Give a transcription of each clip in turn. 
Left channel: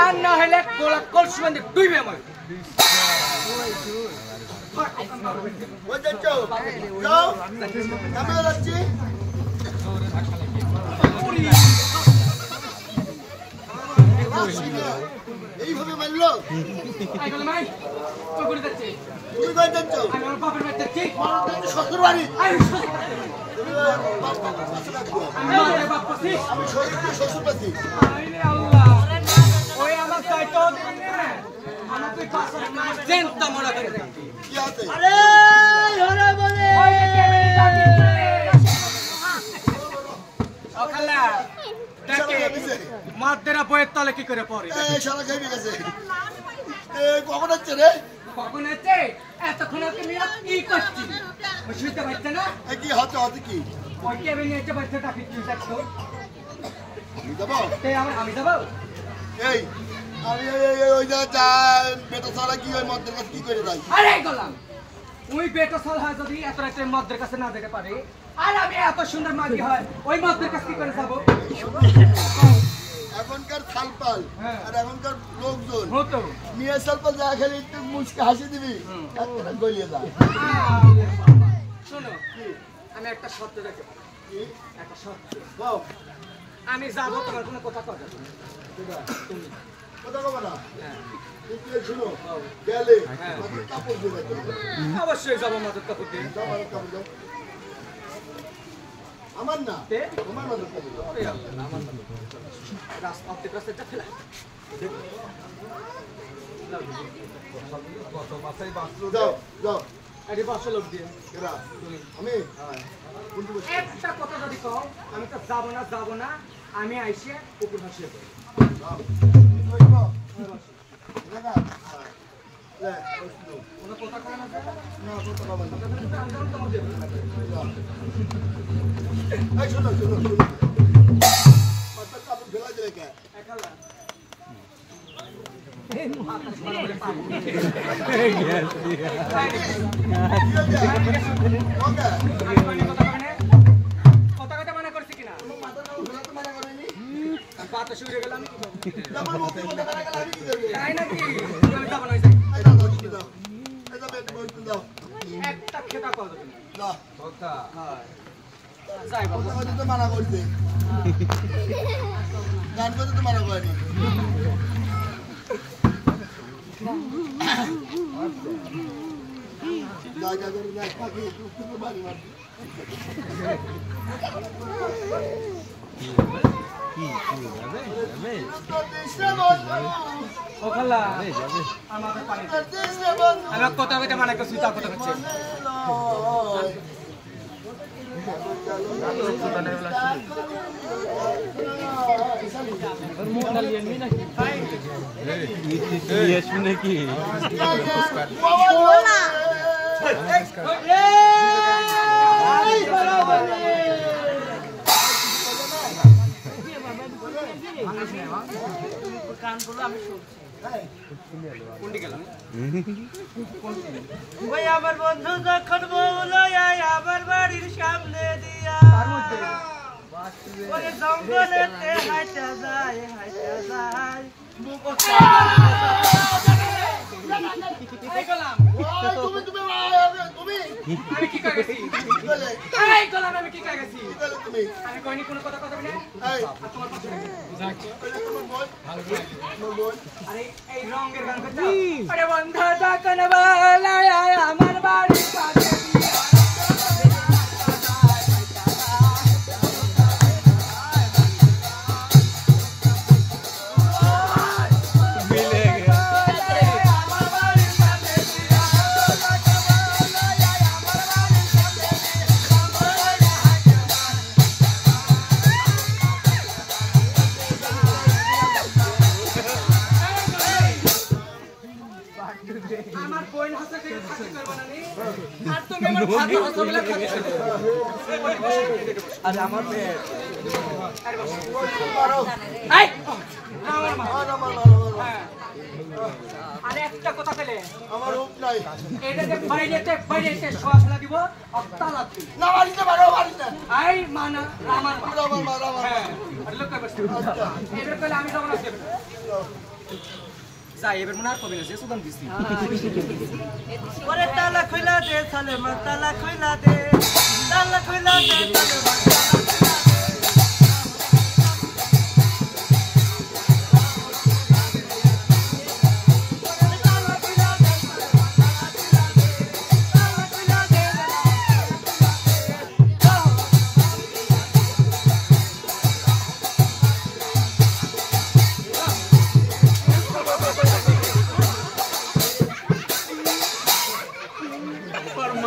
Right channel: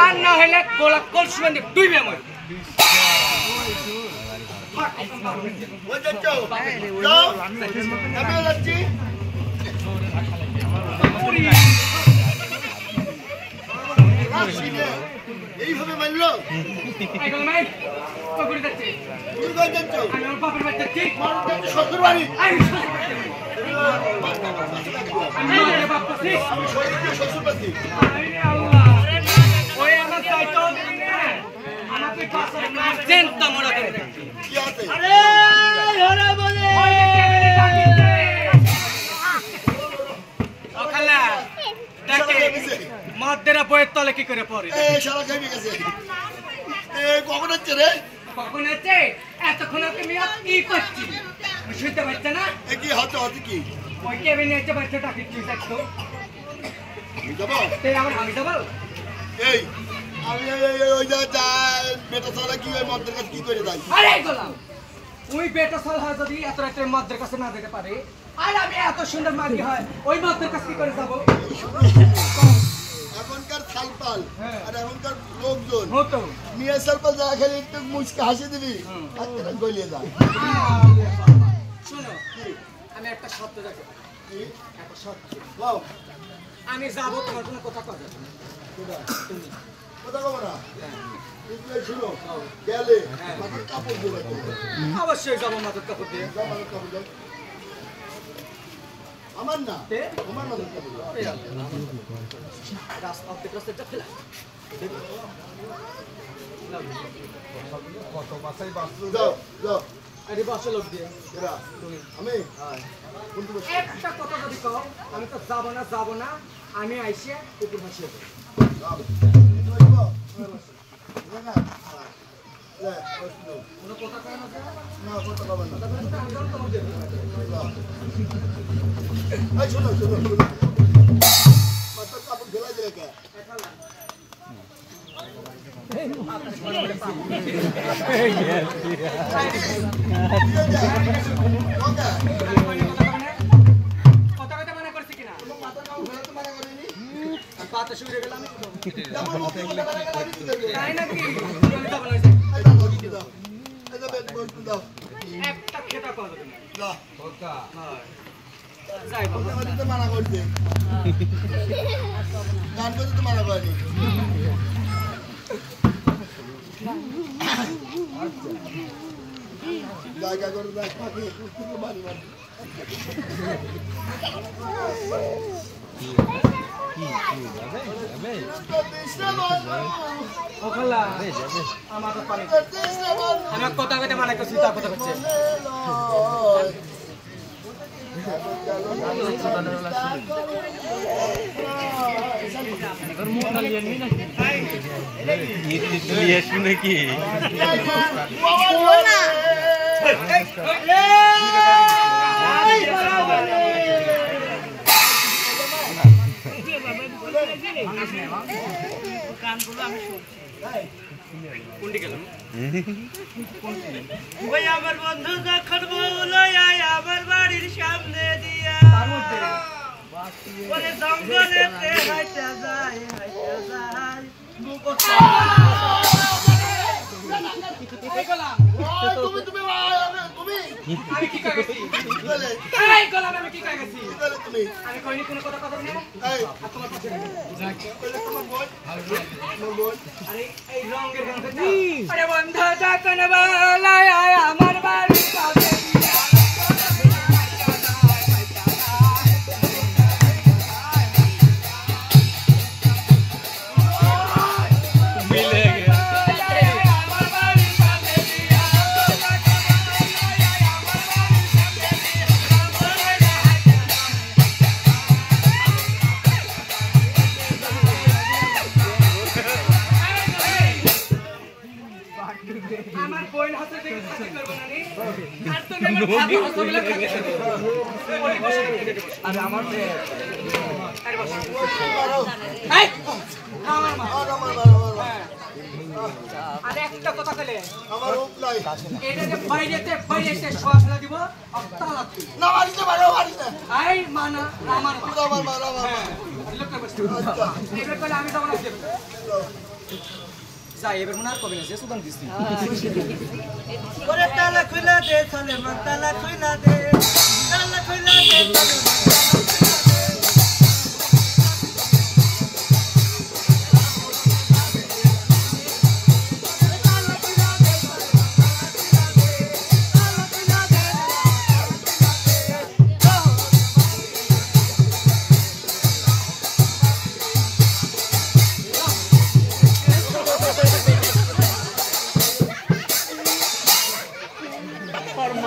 আর না হলে গোলা কলসি বান্ধে ডুইবে মই ওই যাচ্ছ যাও আমি যাচ্ছি এইভাবে মারলো এইগুলো মাই কই করে যাচ্ছে তুমি কই যাচ্ছ আমি আমার বাপের বাড়ি যাচ্ছি শ্বশুর বাড়ি আমি শ্বশুর বাড়ি আল্লাহ ওই আমার চাইতো আমাকে পাশে জেনতা মরা করে কি আছে আরে হরে বলে ওই কেমনে ডাকিছে ওখালা ডাকে মাদেরা বইয়ের তলে কি করে পড়ে এই শালা খাইবে গেছে কখন হচ্ছে রে কখন হচ্ছে এতক্ষণ ওকে মিয়া কি করছি বুঝতে পারছ না কি হচ্ছে হচ্ছে কি ওই কেমনে এসে বাচ্চা ডাকিছি দেখো আমি যাবো আমি যাবো এই আমি ওই যা বেটা সারা কি ওই মদের কাছে কি করে যাই আরে গোলাম ওই বেটা সাল হয় যদি এত রাতে মদের কাছে না যেতে পারে আর আমি এত সুন্দর মাগি হয় ওই মদের কাছে কি করে যাব এখনকার সালপাল আর এখনকার লোকজন হতো মিয়া সালপাল যা খেলে একটু মুচকে হাসি দিবি একটা গলিয়ে যা শোনো আমি একটা শর্ত রাখতে পারি একটা শর্ত বাও আমি যাব তোমার কোনো কথা কথা যাবে না তুমি কথা কব না তুই শুনো গেলে মাথার কাপড় দিয়ে রাখো অবশ্যই যাব মাথার কাপড় দিয়ে যাও মাথার কাপড় দাও আমার না তোমার মাথার কাপড় দাও আমার রাস্তা অর্ধেক রাস্তাটা ফেলাই কত বাসাই বাসলো যাও যাও আরে বাসা লোক দিয়ে এরা তুমি আমি একটা কথা যদি কও আমি তো যাব না আমি আইসে উপর বসিয়ে পড়ি কোনো কথা কয় না না কথা পাবেন না আমি তোমার দেব এই শোনো মাথার কাপড় ফেলাই দিলে কে কথা কথা মানা করছি কিনা মাথার কাপড় ফেলাতে মানা করেনি পাতা শুয়ে গেলাম আমার মুখে কথা বলা গেল আমি কি করব তাই নাকি আমি যাব না এই দাও দাও এই দাও বেশ দাও একটা খেতা পাওয়া যাবে না দাও কথা হ্যাঁ যাই বাবা কথা তো মানা করতে গান করতে তো মানা করেনি জায়গা করে দেখ পাখি কুকুর বাড়ি মারি ওখালা আমার পানি আমার কথা কইতে মানা করছি তা কথা হচ্ছে নাকি আমার বন্ধু যখন বউলাই আমার বাড়ির সামনে দিয়া জঙ্গলেতে হাইটা যায় আমি কি কইছি এই গোলাম আমি কি কইছি আমি কইনি কোনো কথা কথা না এই তোমার পাশে আরে এই রঙের গান করতে আরে বন্ধু যখন বউলাই আমার বাড়ির পাশে আমার বইন হাতে থেকে খাতি করব না নি আর তুমি আমার ভাত হসগুলা খাতি করবে ওই বসে আরে আমার আরে বসে মারো এই আমার মা আমার হ্যাঁ আর একটা কথা পেলে আমার রূপ নাই এটা যে বাইরেতে শোয়া ফেলা দিব তালা তুই না মারিস না মারো মারিস না আই মানা আমার মা আমার মারা হ্যাঁ আর লোক কই বসে এবার কইলে আমি যাব না দেব যাই এবার মনে আর কবে না যে সুদান দিছি ওরে তালা খুইলা দে চলে মন তালা খুইলা দে চলে মন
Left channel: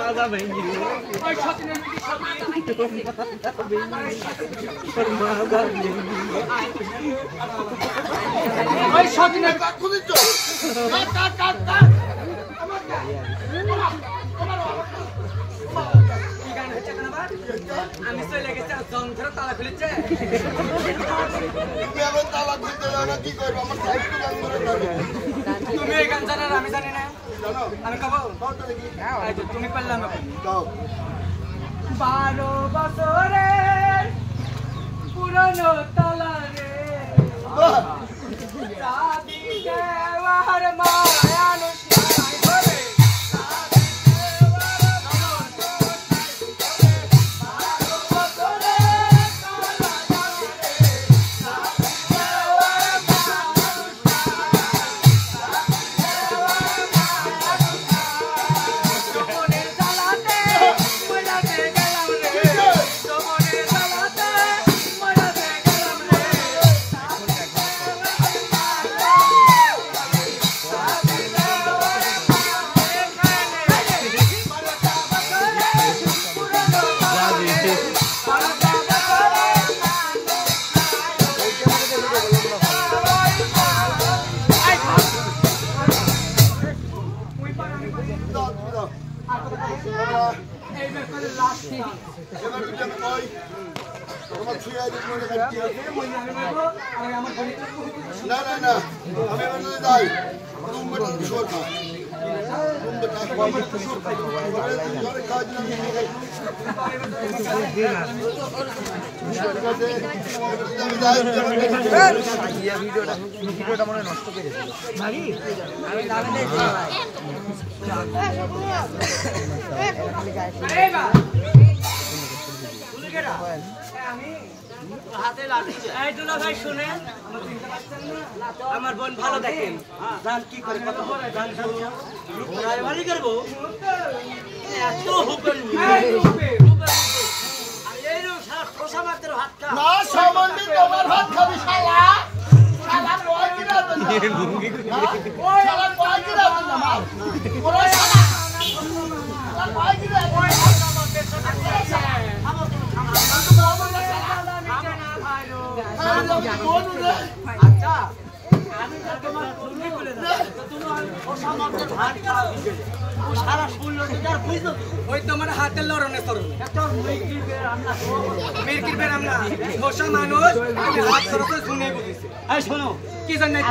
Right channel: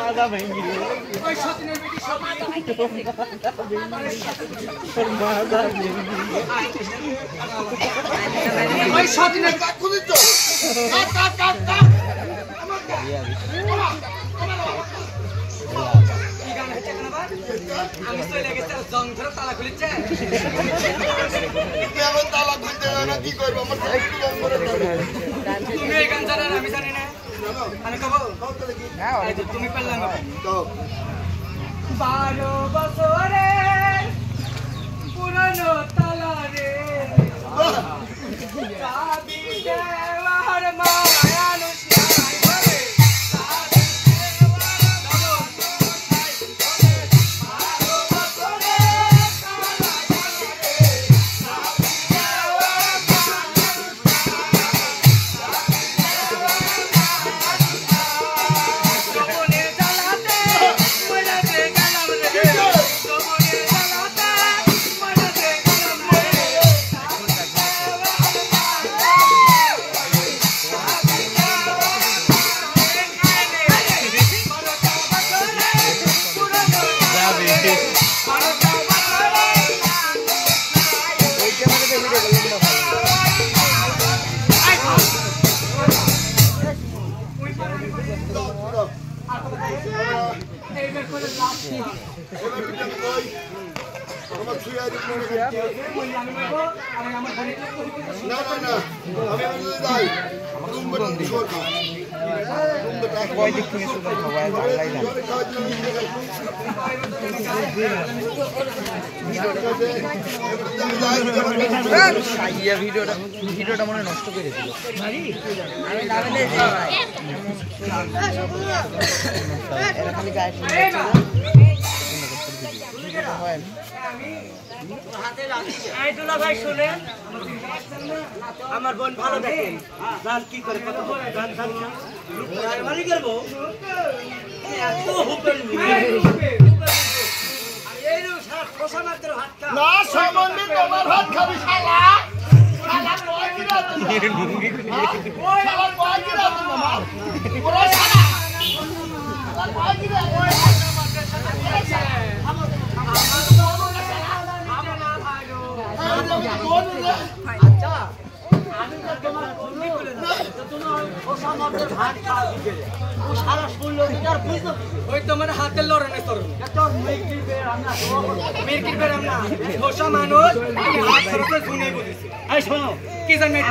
ওই সতীনের কি সব ওই সতীনের কাট খুদিস তো কাট কাট কাট কি গান হচ্ছে কেন আবার আমি তো লেগেছে জং ধরে তালা খুলেছে তুমি এখন তালা খুলতে যাও না কি করবো আমার সাইকেল বন্ধ করে যাবে তুমি এই গান জানো আর আমি জানি না জানো আমি কব কও তো দেখি এই যে তুমি পারলে আমি কও 12 বছরের পুরনো তালা রে চাবি দেওয়ার মায়ানুষ নাই বলে চাবি দেওয়ার মায়ানুষ নাই বলে 12 বছরের তালা রে চাবি দেওয়ার মায়ানুষ নাই চাবি দেওয়ার এবার তুমি কই আমার ছুঁয়ে আজ মনে কাটছে না না না আমি আমার যদি যাই রুমটা শোর খা রুমটা কয়দিক থেকে শুরু করব ঘরে কাজ না নিয়ে গেল ভিডিওটা মনে নষ্ট করে দিল আমার বোন ভালো দেখেন গান কি করে কত গান বাড়ি করবো এত হুপের খোসা মাত্র হাত খা না সম্বন্ধে তোমার ভাত খাবি শালা শালা কয় কি রাত না ওই শালা কয় কি রাত না ওরে শালা শালা কয় কি রাত ওই আচ্ছা আমি তো তোমার চুরি করে না তো তোমার খোসা মাত্র ধান খাওয়া গেলে সারা শুনলো আর বুঝলো ওই তোমার হাতের লড়নে তোর এত মির্কির বের আমরা মির্কির বেরাম না ঘোষা মানুষ আমি হাত ধরতে শুনে বলেছি এই শোনো কি জানেন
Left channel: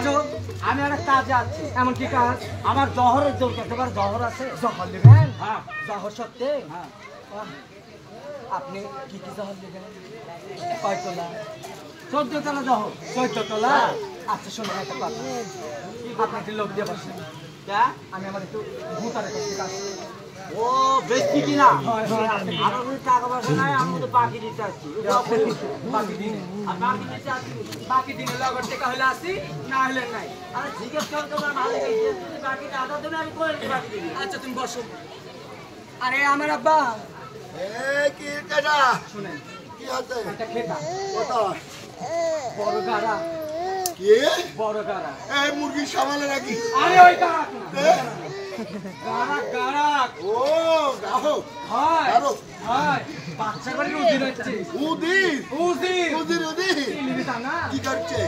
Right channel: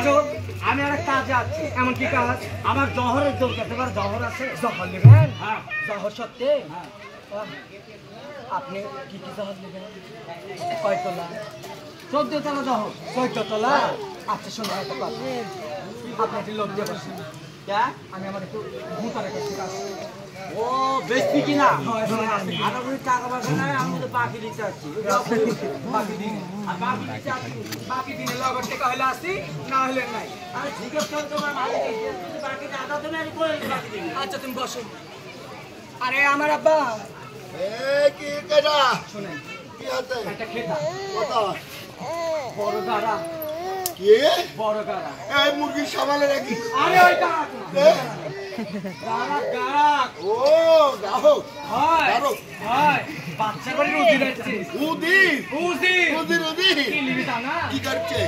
আমি একটা কাজে আছি এমন কি কাজ আমার জহরের দরকার তোমার জহর আছে জহর নেবেন হ্যাঁ জহর সত্যি হ্যাঁ আপনি কি কি জহর নেবেন কয় তোলা 14 তলা জহর 14 তোলা আচ্ছা শোনো একটা কথা আপনি একটু লোক দিয়ে বসেন আমি আমার একটু ভূতারে করছি কাজ ও বেশি কিনা হয় হয় আপনি আর আমি টাকা পয়সা নাই আমি তো বাকি দিতে আসছি বাকি দিন আর বাকি দিতে আসছি বাকি দিন লগর টাকা হলে আসি না হলে নাই আরে ঠিক আছে তোমার মালিক এসে যদি বাকি আদা তুমি আমি করে দিই বাকি দিই আচ্ছা তুমি বসো আরে আমার আব্বা এই কি কেডা শুনেন কি আছে একটা খেতা কোথায় বড় গাড়া কি বড় গাড়া এই মুরগির সামালে নাকি আরে ওই গাড়া গাড়া গাড়া ও গাহক হয় গাড়ো হয় বাচ্চার বাড়ির উদির আছে উদির উদির উদির উদির কি লিবি তা না কি করছে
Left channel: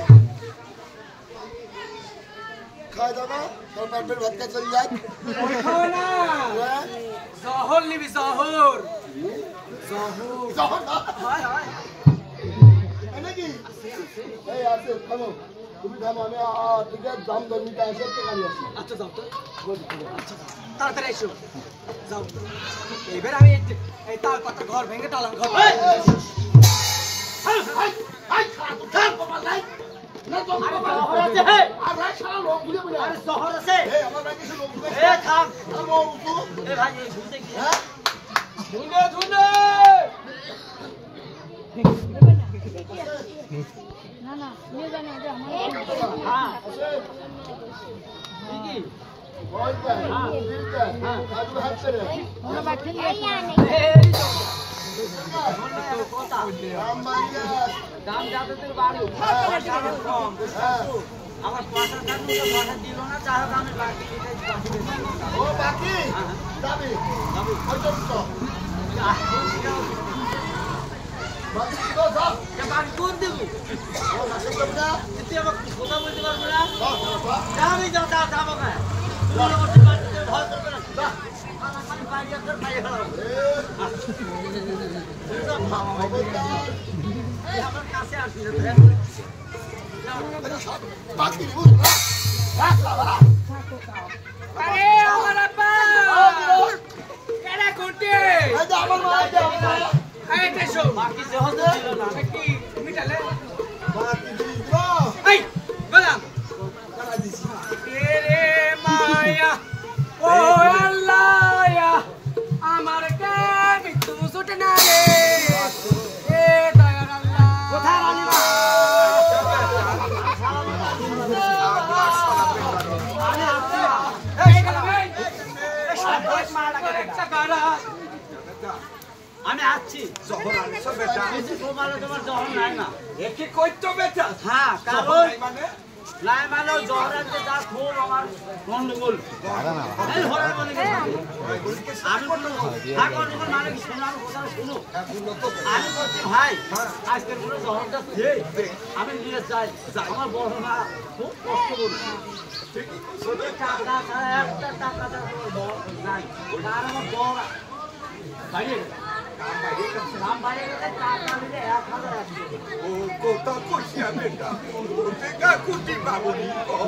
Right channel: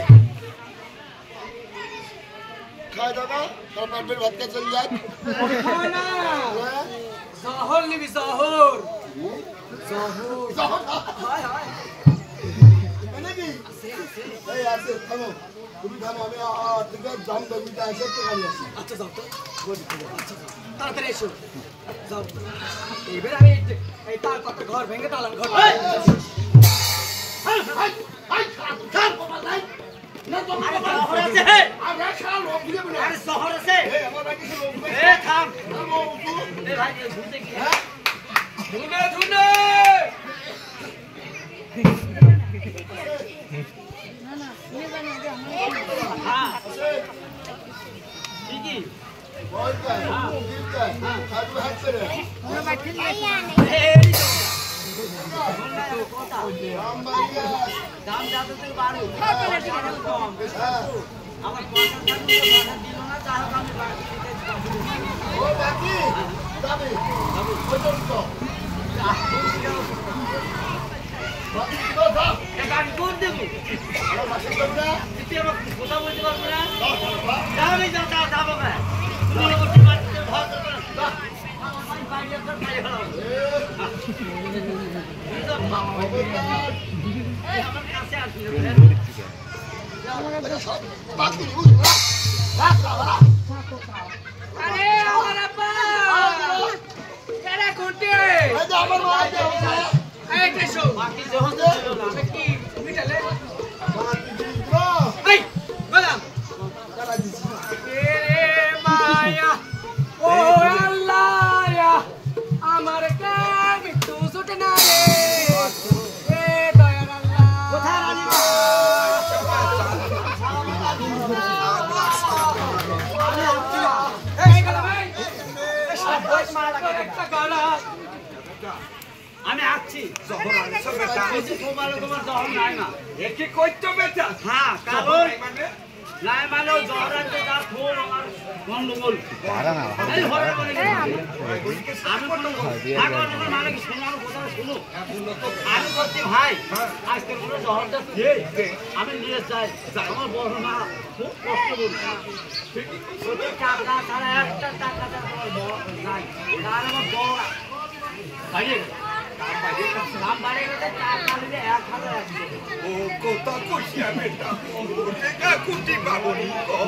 খায় দাদা সরকার বের ভাত খেয়ে চলে যায় ওই খাওয়া না জহর লিবি জহর জহর হয় হয় নাকি এই আছে খাবো তুমি থামো আমি থেকে দাম দরমিটা এসে গাড়ি আসি আচ্ছা যাও তো আচ্ছা তাড়াতাড়ি এসো যাও এবার আমি এই তার পাতা ঘর ভেঙে তালার ঘর ধুনে ধুনে দাম যাতে তুই বাড়ো কম আমার পয়সা থাকলে পয়সা দিল না তাই হোক আমি বাকি ও বাকি যাবে ওই তো বাকি তো দাও বাকি করে দেবো ও বাকি দেব না তুই আমার কথা বলতে পারবো না দাও দাও দাও যাও রে যাও যাও যাও বাবা তুমি করতে পারছো ধর করবে না আমি বাইরে করে খাই হলাম আমার কাছে আসবি বাকি আরে আমার আপা এরা কোটে আমার মা যাও না এই দেশো বাকি যখন ছিল না কি মিটালে বাকি দিবা এই বলাম টাকা দিছি রে মায়া ও আল্লাহ আমার কাম একটু ছুটে না রে এ দয়ার আল্লাহ কোথায় রানী আমি আসছি জহর আনছো বেটা তোমার জহর নাই না একে কইতো বেটা হ্যাঁ কারণ নাই মানে জহর আনতে যা খুব আমার গন্ডগোল এই হরে বলে আমি কোনো মানে কি শোনার কথা শুনো আমি বলছি ভাই আজকের কোনো জহরটা খেয়ে আমি নিয়ে যাই আমার বড় মা খুব কষ্ট করছে টাকা তারা একটা টাকা নাই তার আমার বড় বাড়িয়ে গেছে দাম বাড়িয়ে গেছে টাকা নিলে 1,100 ও কথা কইয়া বেটা ও দেখা কুটি বাবনি কো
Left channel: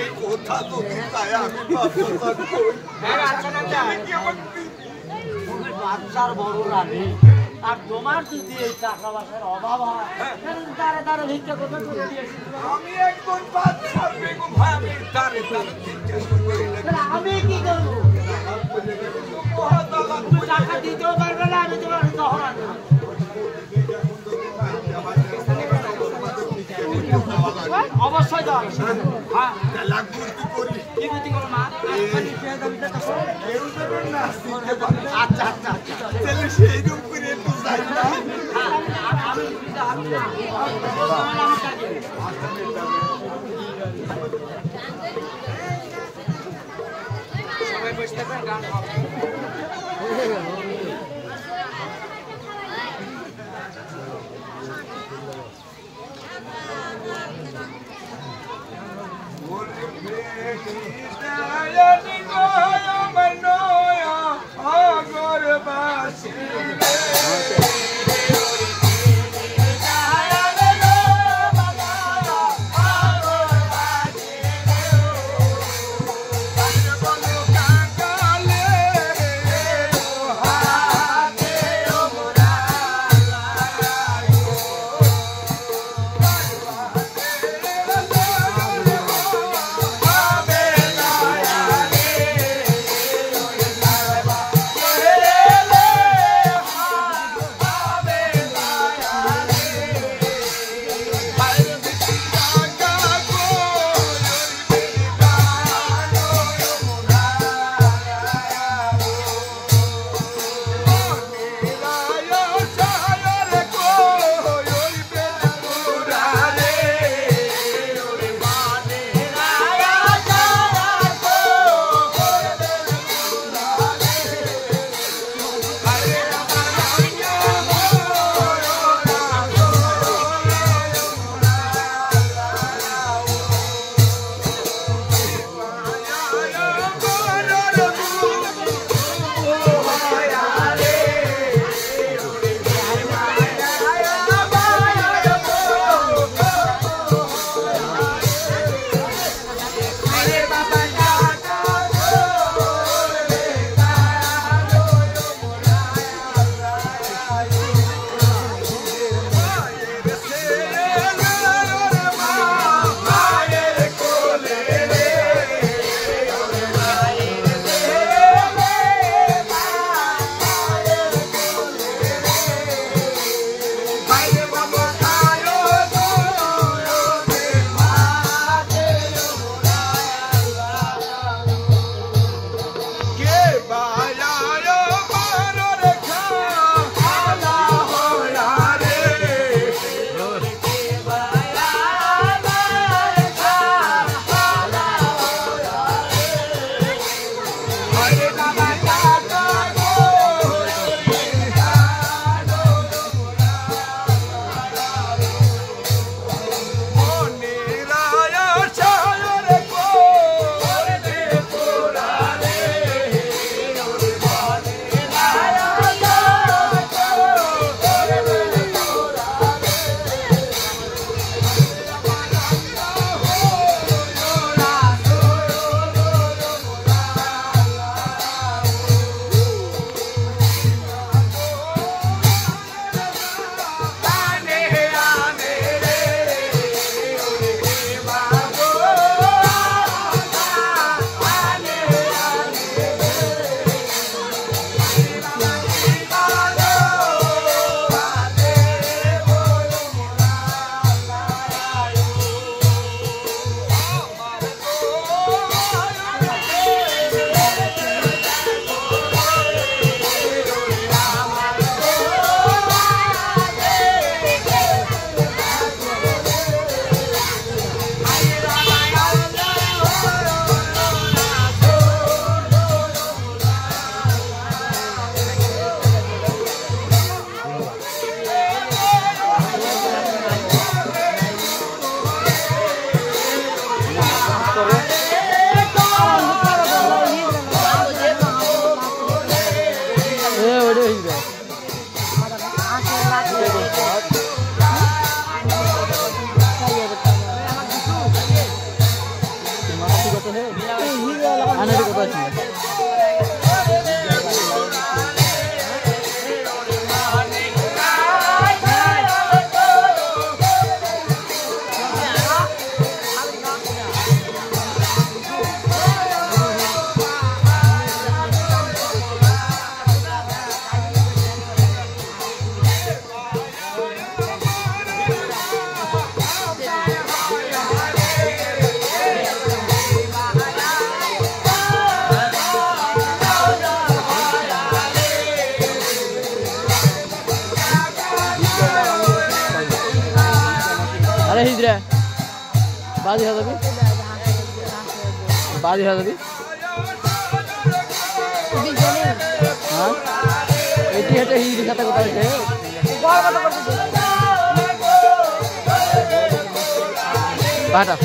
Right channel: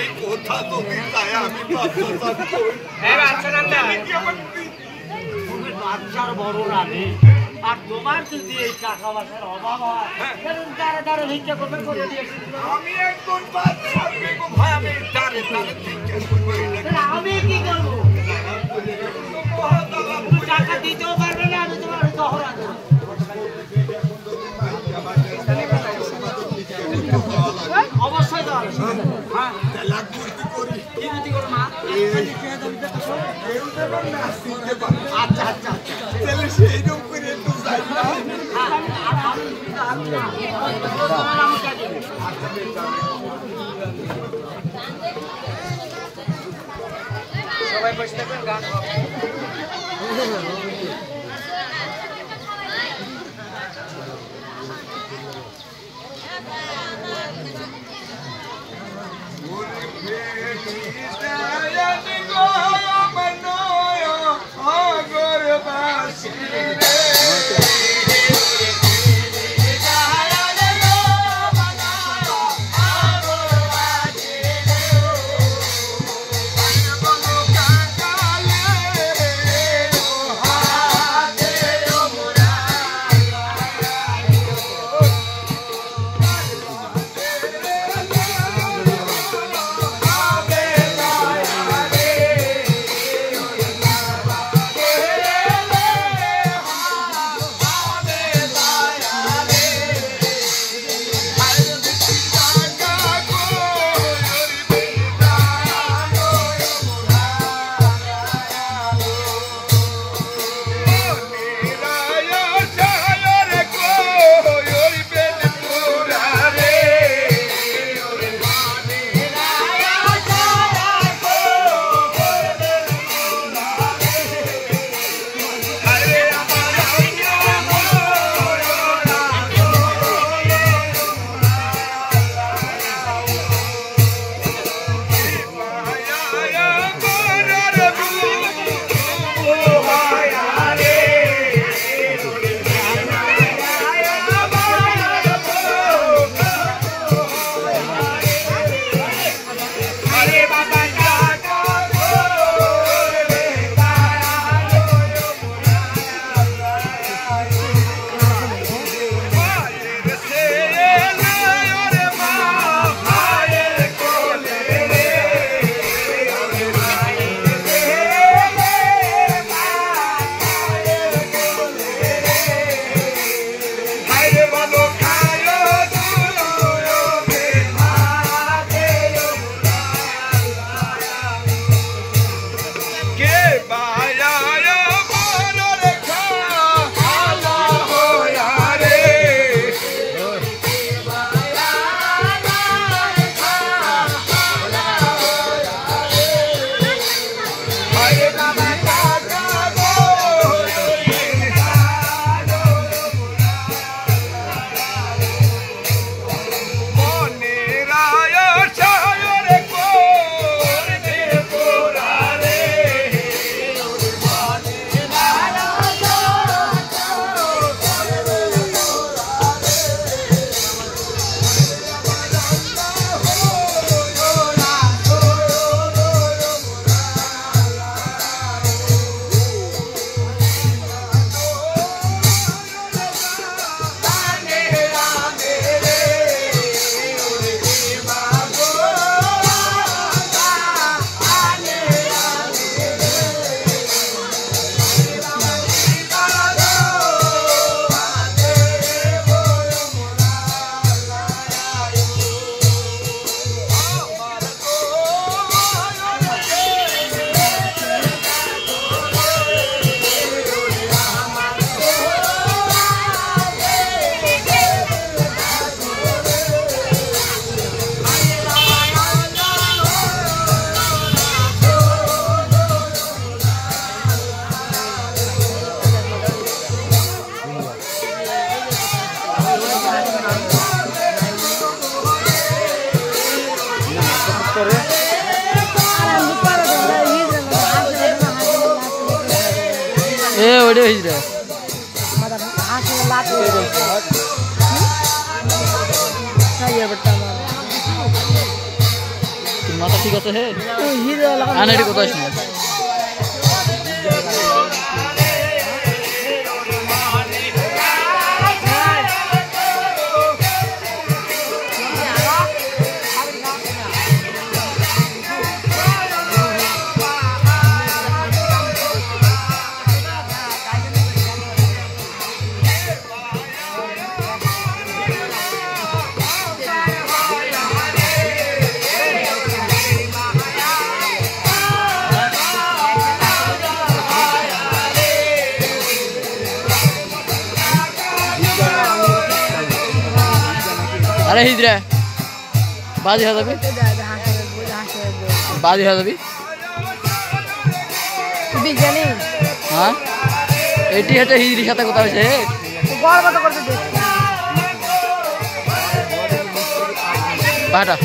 এই কথা তো দিতায় আমি বাচ্চা কই কি আমাকে তুমি বাচ্চার বড় রানী আর তোমার যদি এই টাকা পয়সার অভাব হয় সেদিন তারা তারা ভিক্ষা করবে করে দিয়েছিল আমি একজন বাচ্চা বেগো ভাই আমি তারে তারে ঠিক কইব আমি কি করবো তুমি টাকা দিতেও পারবে না আমি তোমার জহরা দেবো অবশ্যই দেওয়া হবে। হ্যাঁ লাখ বুদ্ধি করি কি বুদ্ধি করো মা খালি পেয়ে যাবে তো করো। কেউ দেবেন না দিতে পারে আচ্ছা আচ্ছা আচ্ছা তাহলে সেইরকম করে একটু যাই না হ্যাঁ আমি দিতে হবে না আমার কাছে সবাই বসে থাকবেন গান হবে এ ওইটা হইছে মাথা ঠিক আছে হে আনাড়ি কথা শুনে अरे हिजरा बाजी है तभी हाँ एटी है तो हिजरी साथ को तावे बाटा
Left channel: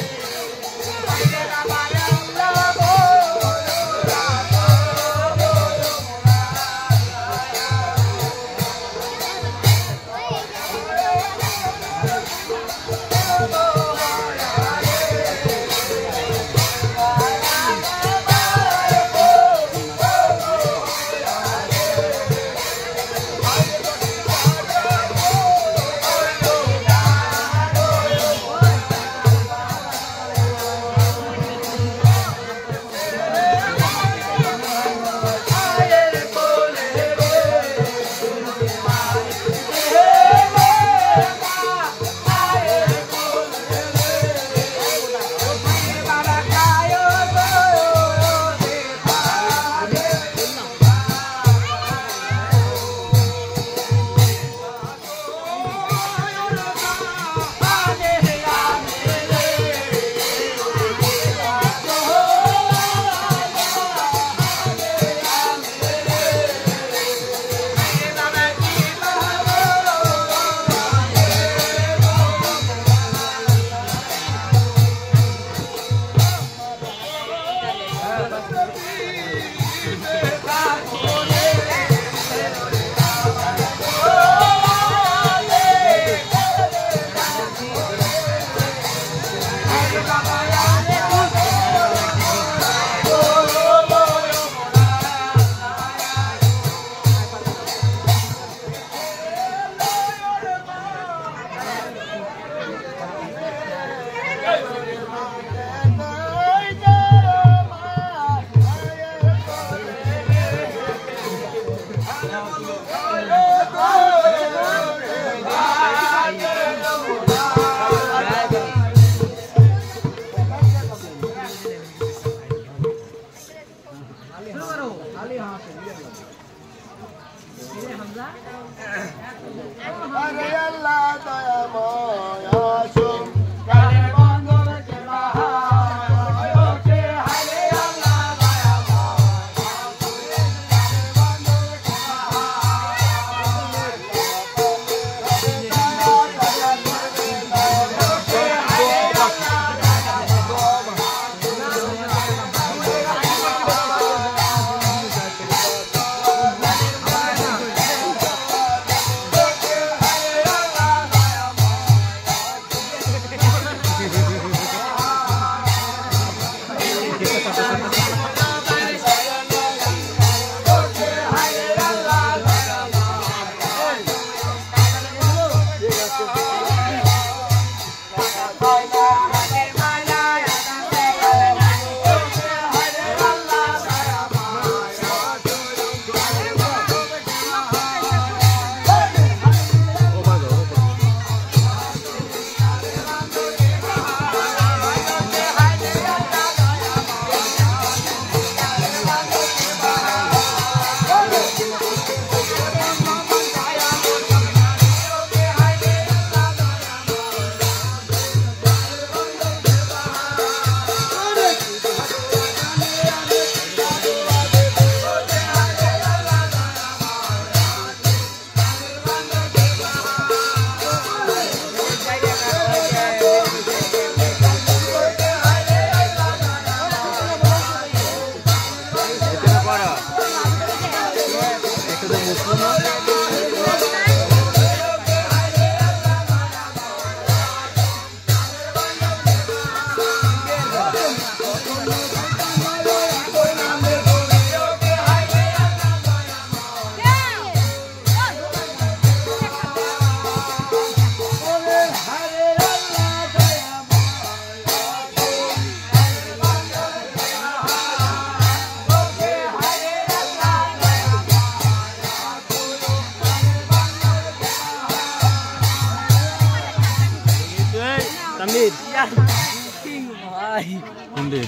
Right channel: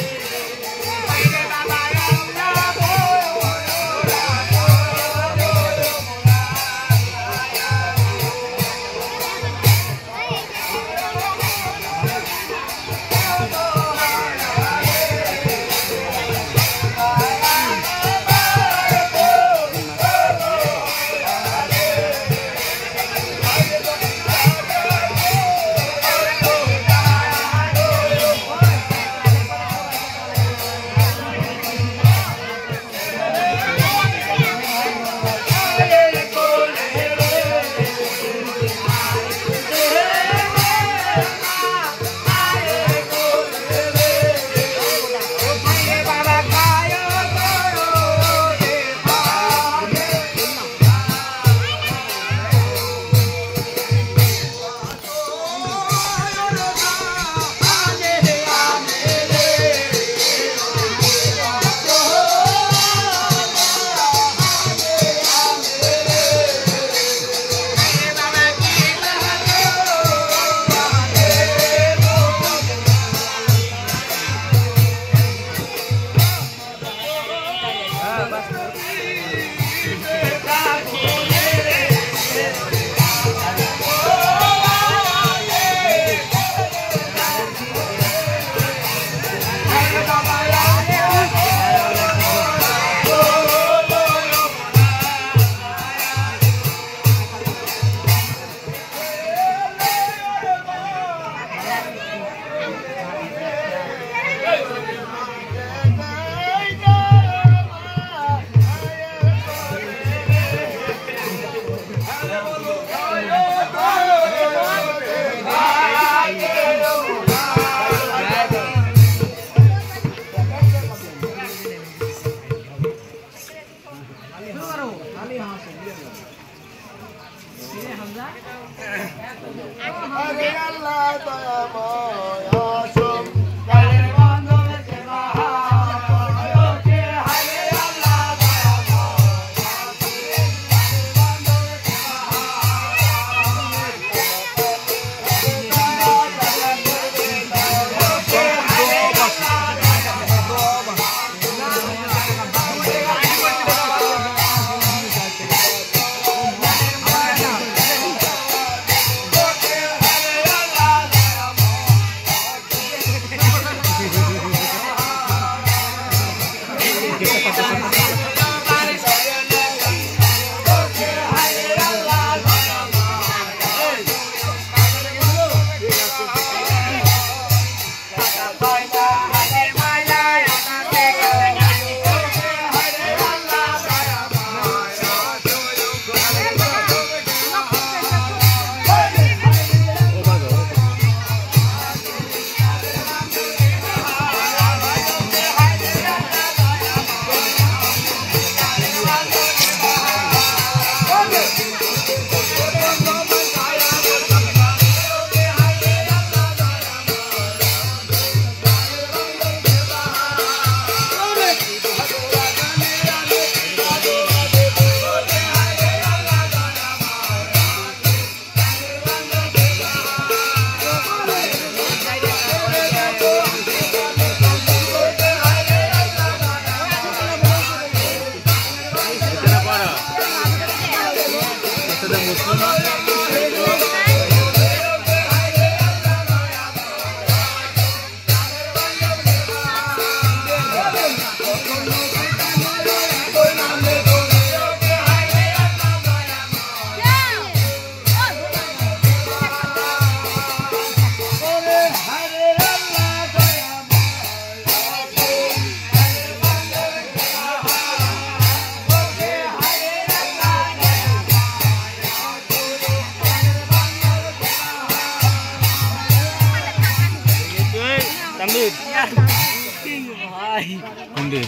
কোনটি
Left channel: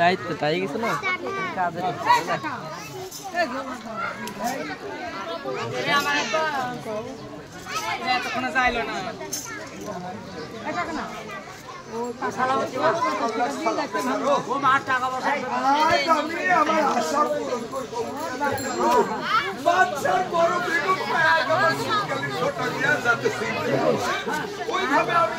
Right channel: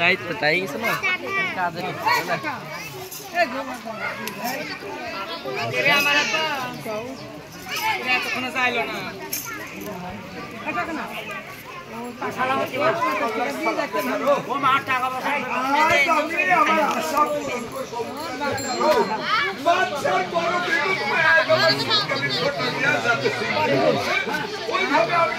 দায়িত্ব তাই গেছে না এতক্ষণে যাইলো না আমার আশা পূরণ করবো বাচ্চার বড় বেগম হয় আমার শীতকালীন ছোট বিয়া যাতে ওইভাবে আমি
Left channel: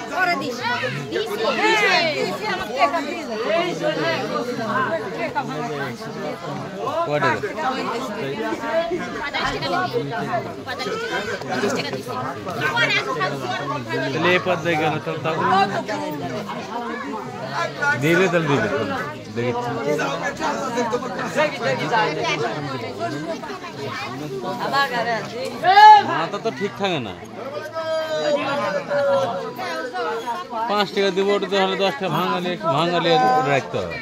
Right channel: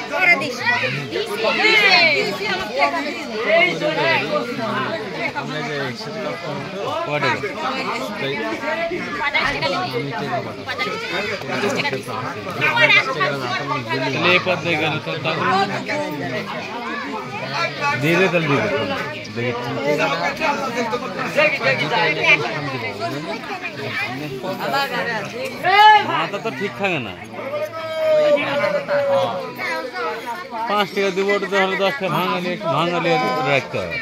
পদ দিয়ে গেল তো তখন দিলে তাহলে দিলে দেখি মাথা তো ঠিক থাকে না 5 টাকা দিব ওটা তাহলে 10 টাকা ভাঙালি রাখতে হবে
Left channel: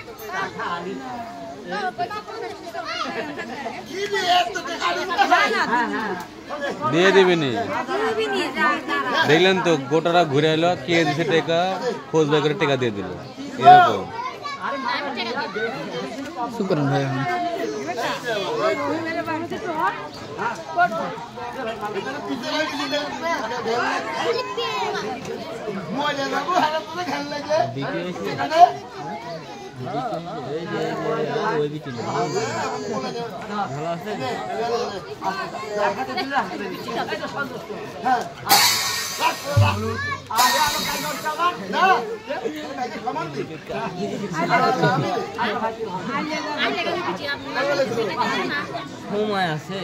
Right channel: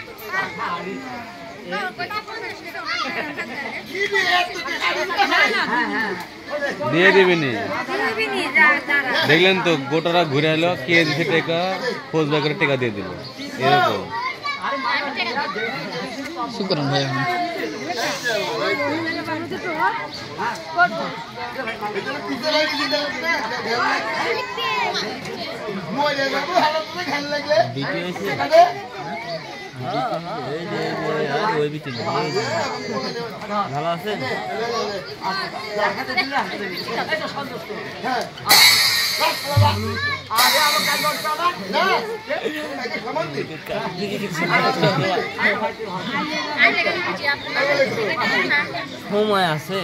দিয়ে দিবিনি দেখলেন তো গোটারা ঘুরে এলো কে দিছে টাকা খোঁজ বের করে টাকা দিয়ে দিল এরকম শুকরান ভাই ভালো আছে সময় আছে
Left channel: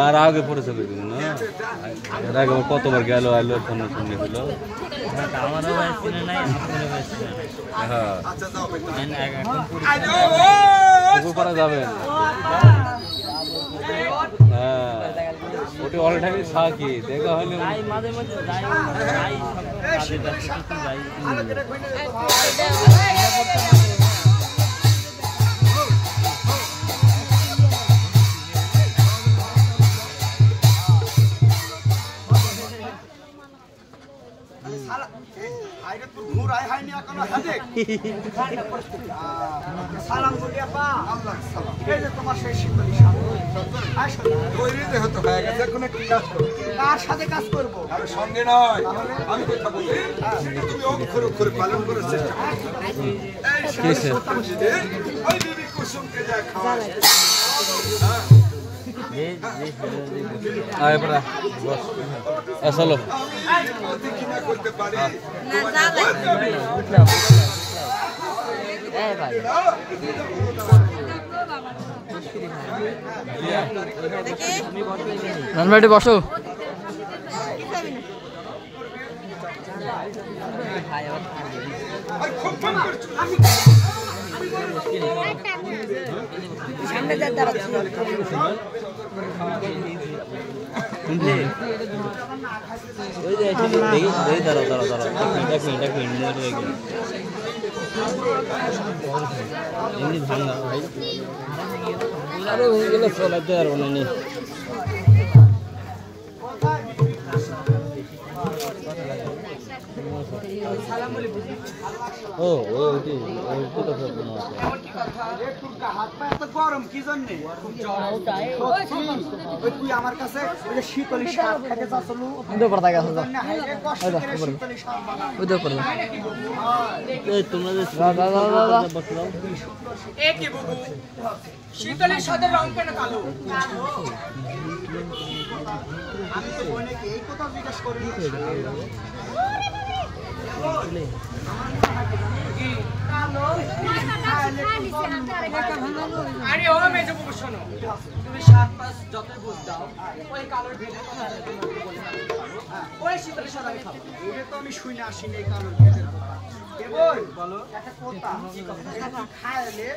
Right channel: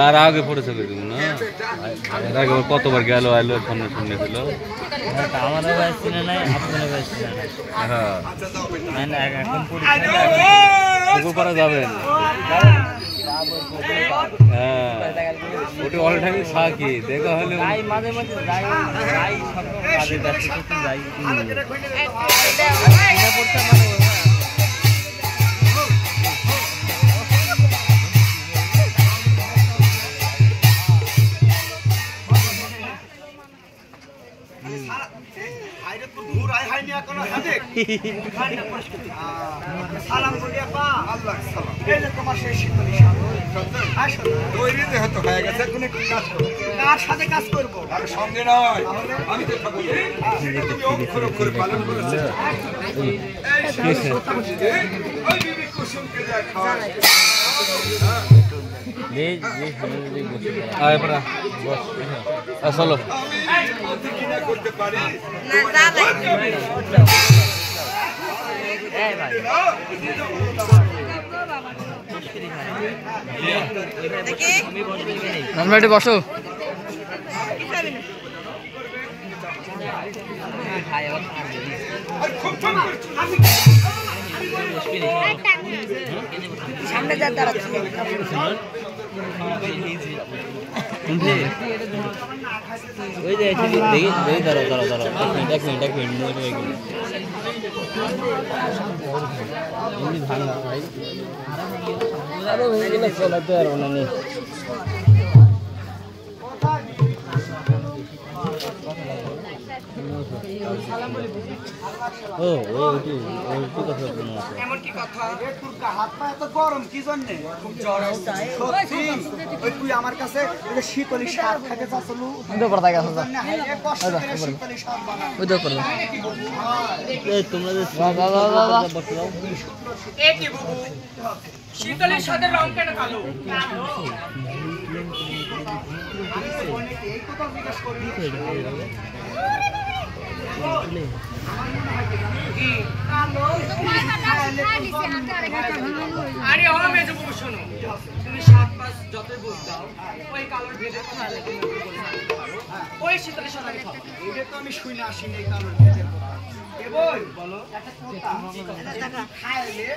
আর আগে পড়ে চলে দিব না এর আগে কতবার গেল আইলো সামনে সামনে ছিল করা যাবে হ্যাঁ ওটি অল টাইমই থাকি দেখা হলে সালাম বলিয়া পা আল্লাহ সালাম এই যে তোমার সেই শীতলী তৈরি যেহেতু হয়ে গেছে এখন একটু কাজ করো কার সাথে কাজ করব আর সঙ্গে নয় আমি তো থাকবো সেটা তুমি অক্ষর অক্ষরে পালন করার চেষ্টা করো এই সত্যজিৎ ওই বিবি কুসুমকে যা খাওয়ায় চলো আমি প্রতিক্রিয়া করতে পারি বসো ওই যে দাঁড়াও দাঁড়াও দাঁড়াও দেখুন এমনি ভাঙা ভাই আরে ওইগুলো চলাইতে পারবো না নি ও ওইটি কথা এমন কি কথা তোর হাত পা এত গরম কি জন্য খুব জ্বর আসছে সত্যি ওই তুই আমার কাছে ওই যে শীতলী শাক খেতে যাচ্ছিল ওই পড়া গেছে শীতলী শাক বানা ওই তো করবা এই তোমরা যে বসে দাও এ কি বুবু শীতলের সাথে রং কেন কালো আমি তো বনে এই কথা জিজ্ঞেস করি কি কালো খাইলে তোর গরমের মতো হয়। আরে ও মেজো বাবু শোনো, তুমি 7-5 যতই বুঝ দাও, ওই কালোর ভেদের কথা তুমি আমাকে বলে না দিতে পারো। ওই শীতলের সাথে আমি খাবো না। এইটা তো আমি শুনে আসিনি এই কালোর ভেদের কথা। এ বই বলো। একটা কথা এটা খাইলে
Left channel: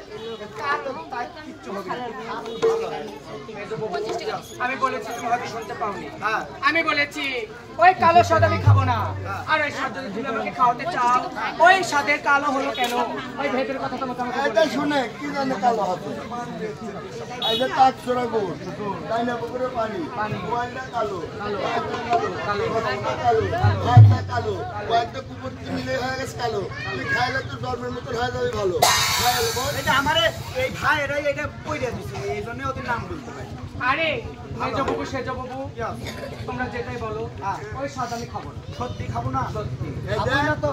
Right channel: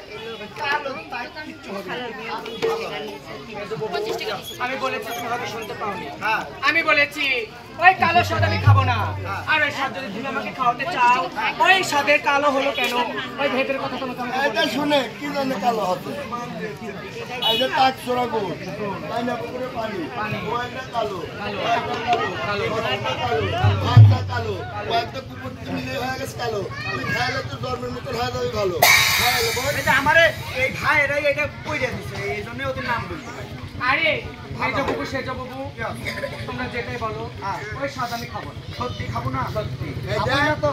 কালো তাই কিচ্ছু হবে না। কালো ভালো হয়। আমি বলেছি তুমি হয়তো শুনতে পাওনি। হ্যাঁ আমি বলেছি ওই কালো স্বাদ আমি খাবো না। আর ওই স্বাদ যদি তুমি আমাকে খাওয়াতে চাও, ওই স্বাদের কালো হলো কেন, ওই ভেদের কথা তোমাকে আমাকে বলতে এটা হবে। শুনে কি জানে কালো হবে এই যে তাক চড়া গুড় তাই না পুকুরে পানি ওয়াইটা কালো কালো কালো ভাতটা কালো ওয়াইটা কুকুর মিলে হয়ে গেছে কালো তুই খাইলে তো জন্মের মতো হয়ে যাবে ভালো খাইলে বল এটা আমারে এই ভাইয়েরা এটা কইরা দিছে এই জন্য ওদের নাম বলতে পারি। আরে মেজো বাবু সেজো বাবু তোমরা যেটাই বলো, ওই স্বাদ আমি খাবো না। সত্যি খাবো না সত্যি এই খাবো যে না তো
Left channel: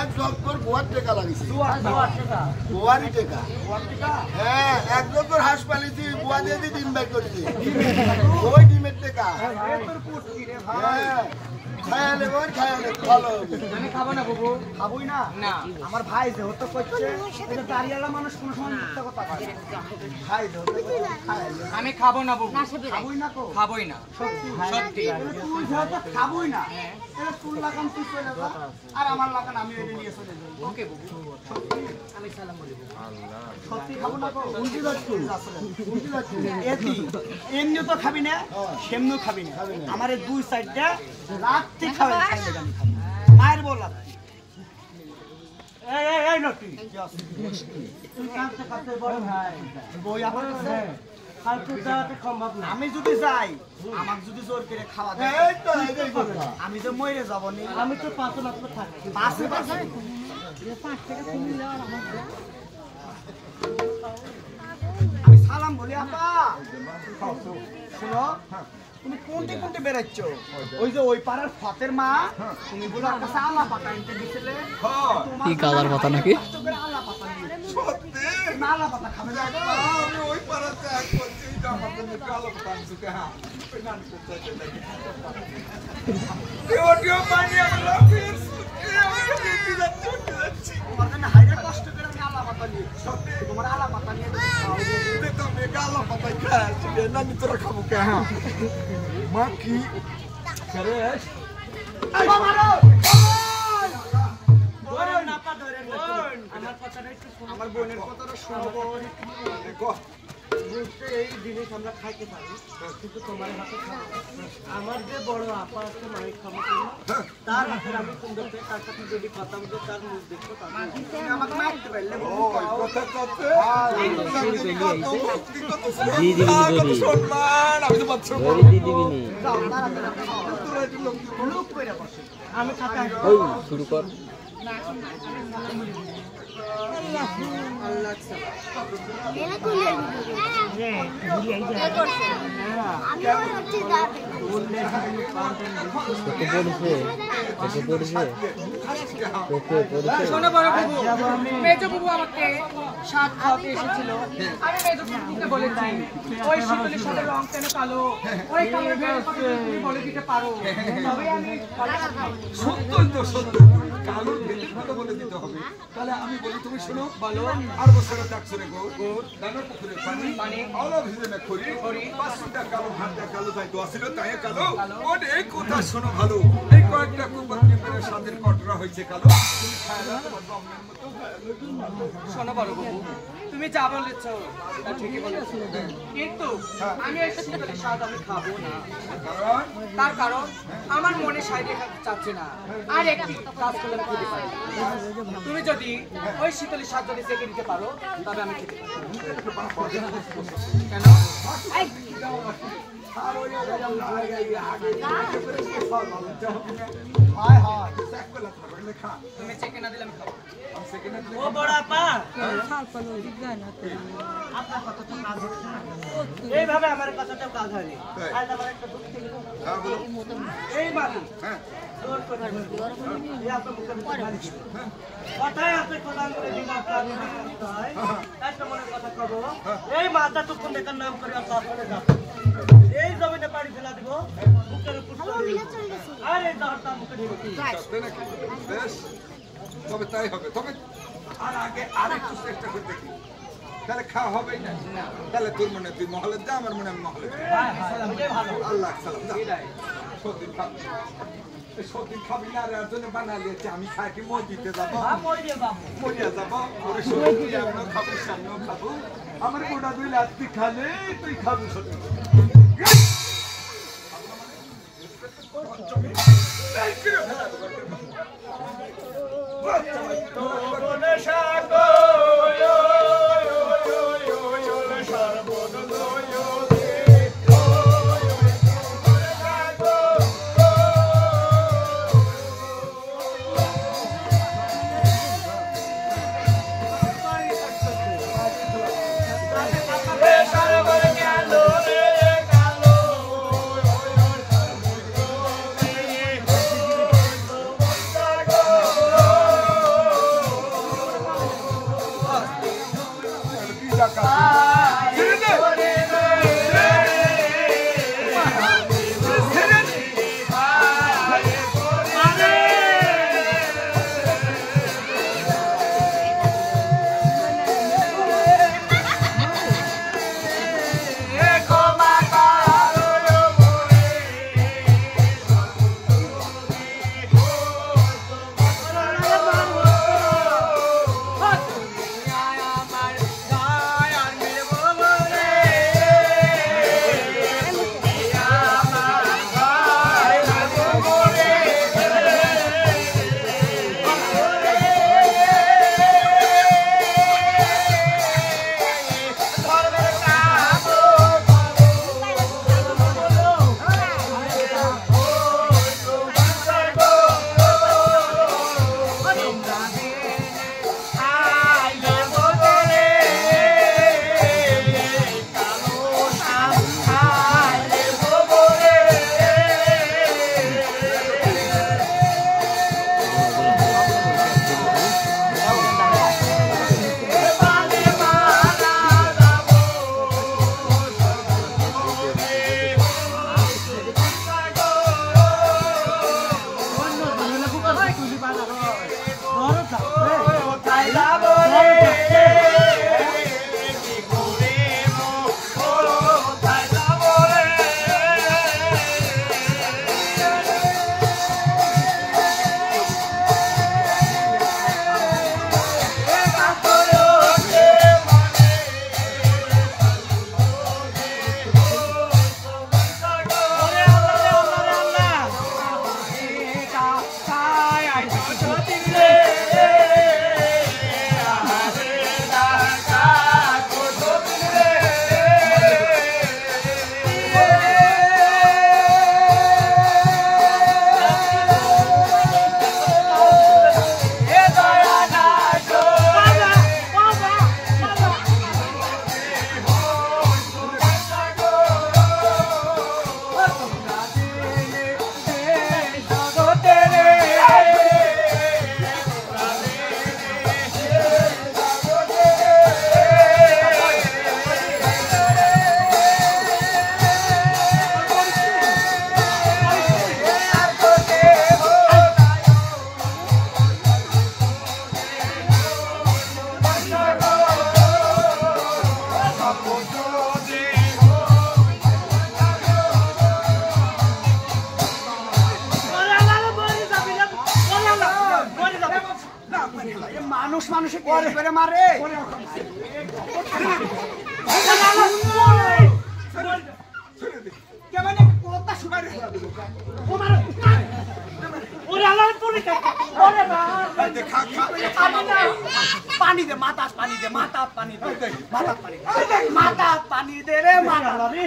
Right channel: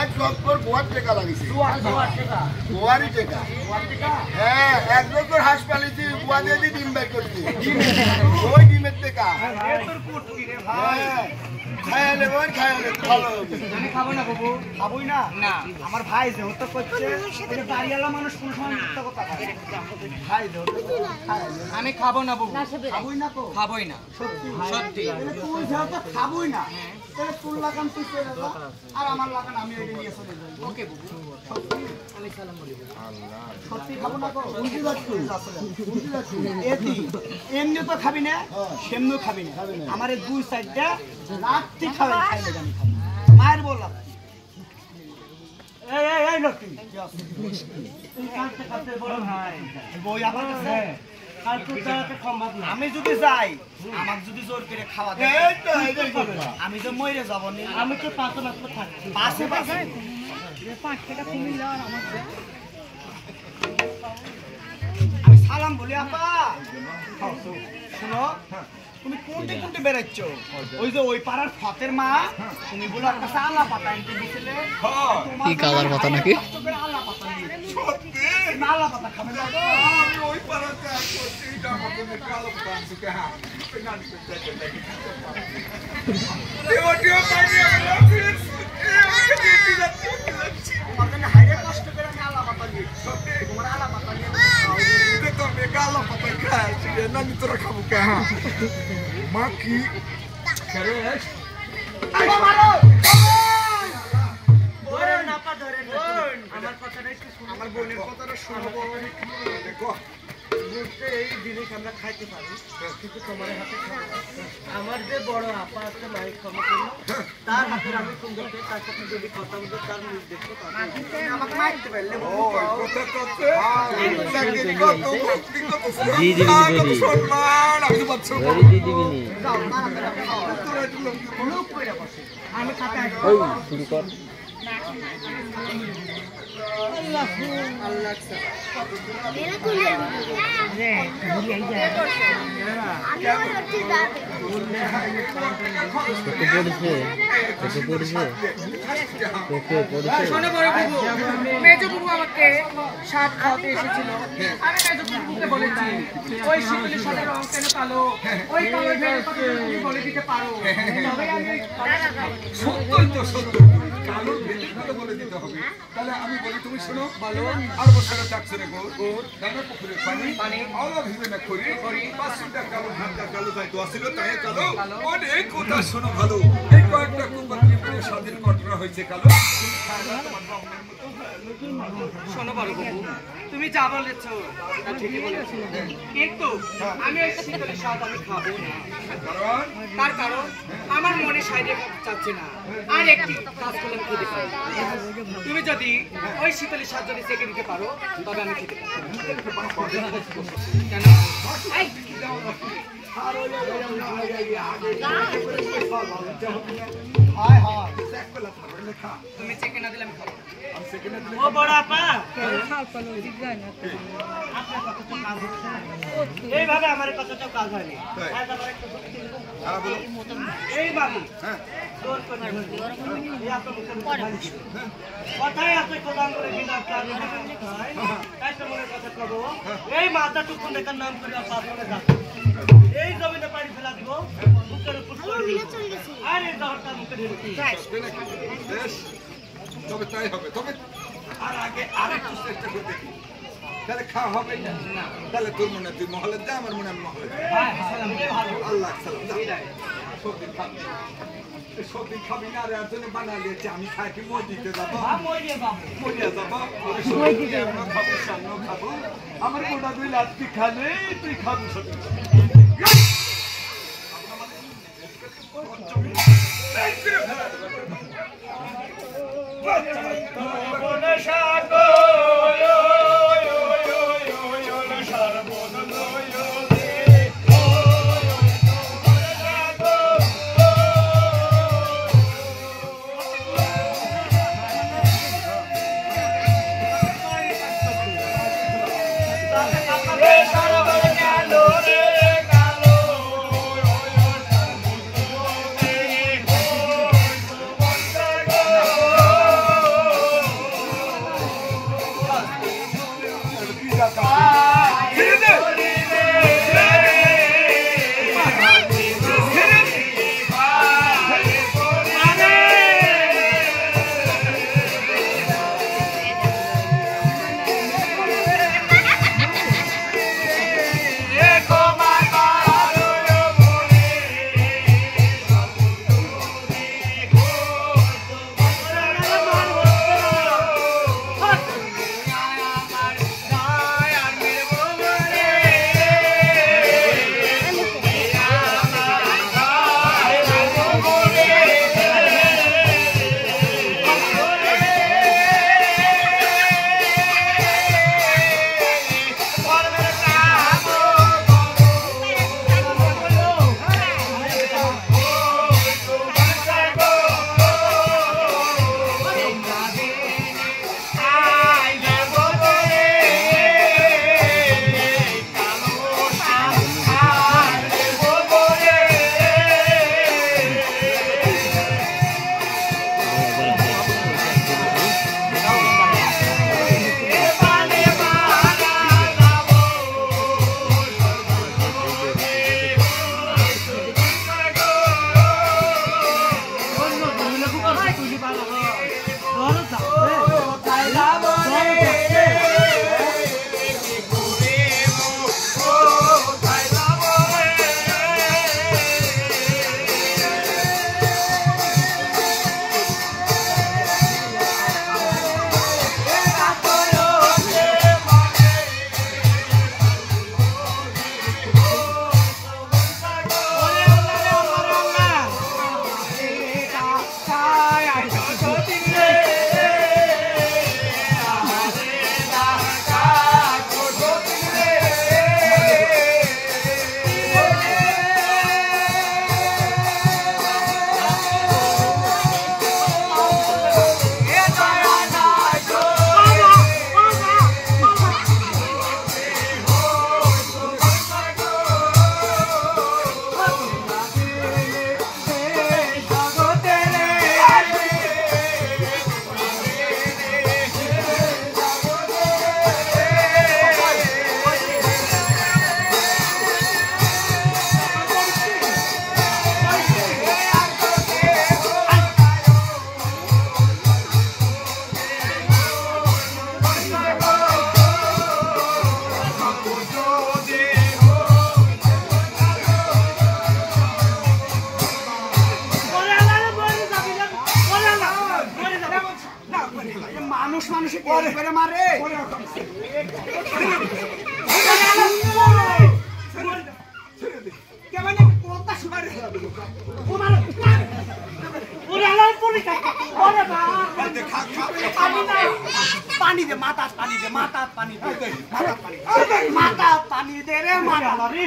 এক জগ পর গোয়ার টেকা লাগিছে দুয়ার টাকা গোয়ারই টেকা দুয়ার টাকা হ্যাঁ এক জগর হাঁস পালিছি গোয়া দিয়ে দিয়ে ডিম বাই করছি ওই ডিমের টেকা এ তোর কুটকি রে ভাই হ্যাঁ খাইলে বল খাইলে তো ভালো হবে আমি খাবো না বাবু। খাবোই না না। আমার ভাই যেহেতু করছে এটা দাঁড়িয়ালা মানুষ কোন সময় মিথ্যা কথা কয় না। ভাই যেহেতু খাইলে আমি খাবো না বাবু। খাবোই না তো খাবোই না। সত্যি সত্যি। তাহলে তুই যেহেতু খাবোই না তাহলে তোর লাগান তুই চলে যা আর আমার লাগান আমি এটা নিয়ে চলে যাই। ওকে বাবু। আমি সালাম বলি বাবু। সত্যি খাবো না তো উল্টি যাচ্ছি উল্টি যাচ্ছি এতি এমনি তো খাবি না সেমনিও খাবি না আমার এই দুই সাইডটা রাত্রি খাবে খাইলে আমি খাবো মায়ের বললাম এই লটি তুই কাঁদতে কাঁদতে বড় ভাই বই আমার কাছে আর তোর দাঁড়াতে সম্ভব না আমি যদি যাই আমাকে যদি জোর করে খাওয়া দেয় এই তো এইটাই কথা আমি তো মরে যাবো নি আমি তো পাঁচে মাত্র থাকি পাশে পাশে আমি সালাম বলি আপা শুনো তুমি কোনটি কোনটি বেড়াচ্ছ ওই যে ওই পাড়ার ফতের মা তুমি বলে ওর কাছে আল্লাহ পাতা এনতে দিছিলে কি কালার পাতা নাকি আল্লাহ পাতা নিয়ে সত্যি না আল্লাহ পাতা খাবে না আমি ওই পাড়াতে এক করছি আমার জন্য কালো পানছি হ্যাঁ দেওয়াটিও পাইনি আমি অফিস আমি দিতে যাচ্ছি তোমার জন্য হাইরে কষ্ট করে আমি আল্লাহ পাতা নিয়ে সত্যি তোমার আল্লাহ পাতা নিয়ে তুমি কালো পাতায় খাচ্ছি না আমি তোরা খাবো কে হ্যাঁ মা কি আমার কথাটা একটু শোনো আমার বোনের কথাটা শোনো দেখো বুঝতে এই জিনিস আমরা খাইতে পারি কিন্তু তোমার হাতে খাবো আমার যে বড় আপা আছে মাইক খাবো তার হাতের আমি সুন্দর করে তার সাথে যদি কথা বলবো তার মুখ দেখবো তুমি আমাকে মারতে পারলে কথা করতে কত ভক্তি কত জি দিবি সম্মান আমি তো পাচ্ছ জি দিবি নি যাও তাড়াতাড়ি তোরা একটু লোক কইরা বসে আমি খাতা ওই শুরু কর শোনো বড় বাবু, মেজো বাবু আমাকে স্বাদ খাওয়াতে এসেছিল। আমি মেজো বাবুকে বলেছি ওই শীতলের সাথে রং কেন কালো, ওই কালোর ভেদের কথা যদি তুমি বলে দিতে পারো তবে আমি কালোটা খাবো। সত্যই তো শোনো কালোর ভেদের কথা বলে দিতে হবে তাহলে আমি বলি তুমি শোনো বলো আর বছরের ডাকছে রে গোর দানা পুকুরের পানি অলপ হিসেবে না করি পাঁচটা কালো ভাতটা কালো তাই তো আসলে তাই কালো অনেক কথা শোনো ভালো এই কয়েকটা কুকুরকে মেরে স্বাদের কটরা হয়েছে কালো তুমি খায় না তোমার ব্রাহ্মণের মতো শোনো বড় বাবু, তুমি যা বলেছ তা ঠিকই বলেছো, কিন্তু আমি ওই শীতলের স্বাদ আমি খাবো না। কারণ তার কারণ আমার মনে সাইডে চাচ্ছে না আর একটি কাজ করলে আমি খেতে পারি। তুমি যদি ওই শীতলের স্বাদ যদি চেকে দিতে পারো তবে আমি খেতে পারি। কেন? হায় হায় তুমি চেকে না দিলে আমি খাবো। ও বড় আপা এইভাবে আমার কথাটাও কাজ হয়নি আজ আমার একটা দুঃখ ছিল এই বাড়ি জোর করে এই আপনার মুখের উপর ভাঙছি কথাই আছে কোদান করে বিনা কাজ হয় তাই তো মনের কথা কব এই মাথা টুকুন দেখার নাম করে আপনার যাব এই জমিনে পানি ফেলা দিব মুখের উপর আর এই দহরটা মুখে ঢেলে বেশ তবে তাই হবে। তবে আর আগে আরেকটু চেষ্টা করে দেখি, তাহলে খাওয়া হবে না। তাহলে তোর মনে তুই মহলে যা, আমার মনে আমি মহলে যাই। আল্লাহ সালাম। সত্যিন খাবি, সত্যিন খাবি না রে, জন্য বানালিয়েছে। আমি খাই কি মই দিতে যাবো, মরিয়া যাবো। আমিও খাবো, সামনেও খাবো। আমার গোটা দুই লাত্তি খালে তুই খাবো সত্যি। মানুষ মানুষে করে মারে কেমন কথা শুনাই পানি দে মাথা পানি দে মাথা পানি দে মাথা পানি মাথা পানি দে রে মাথা রে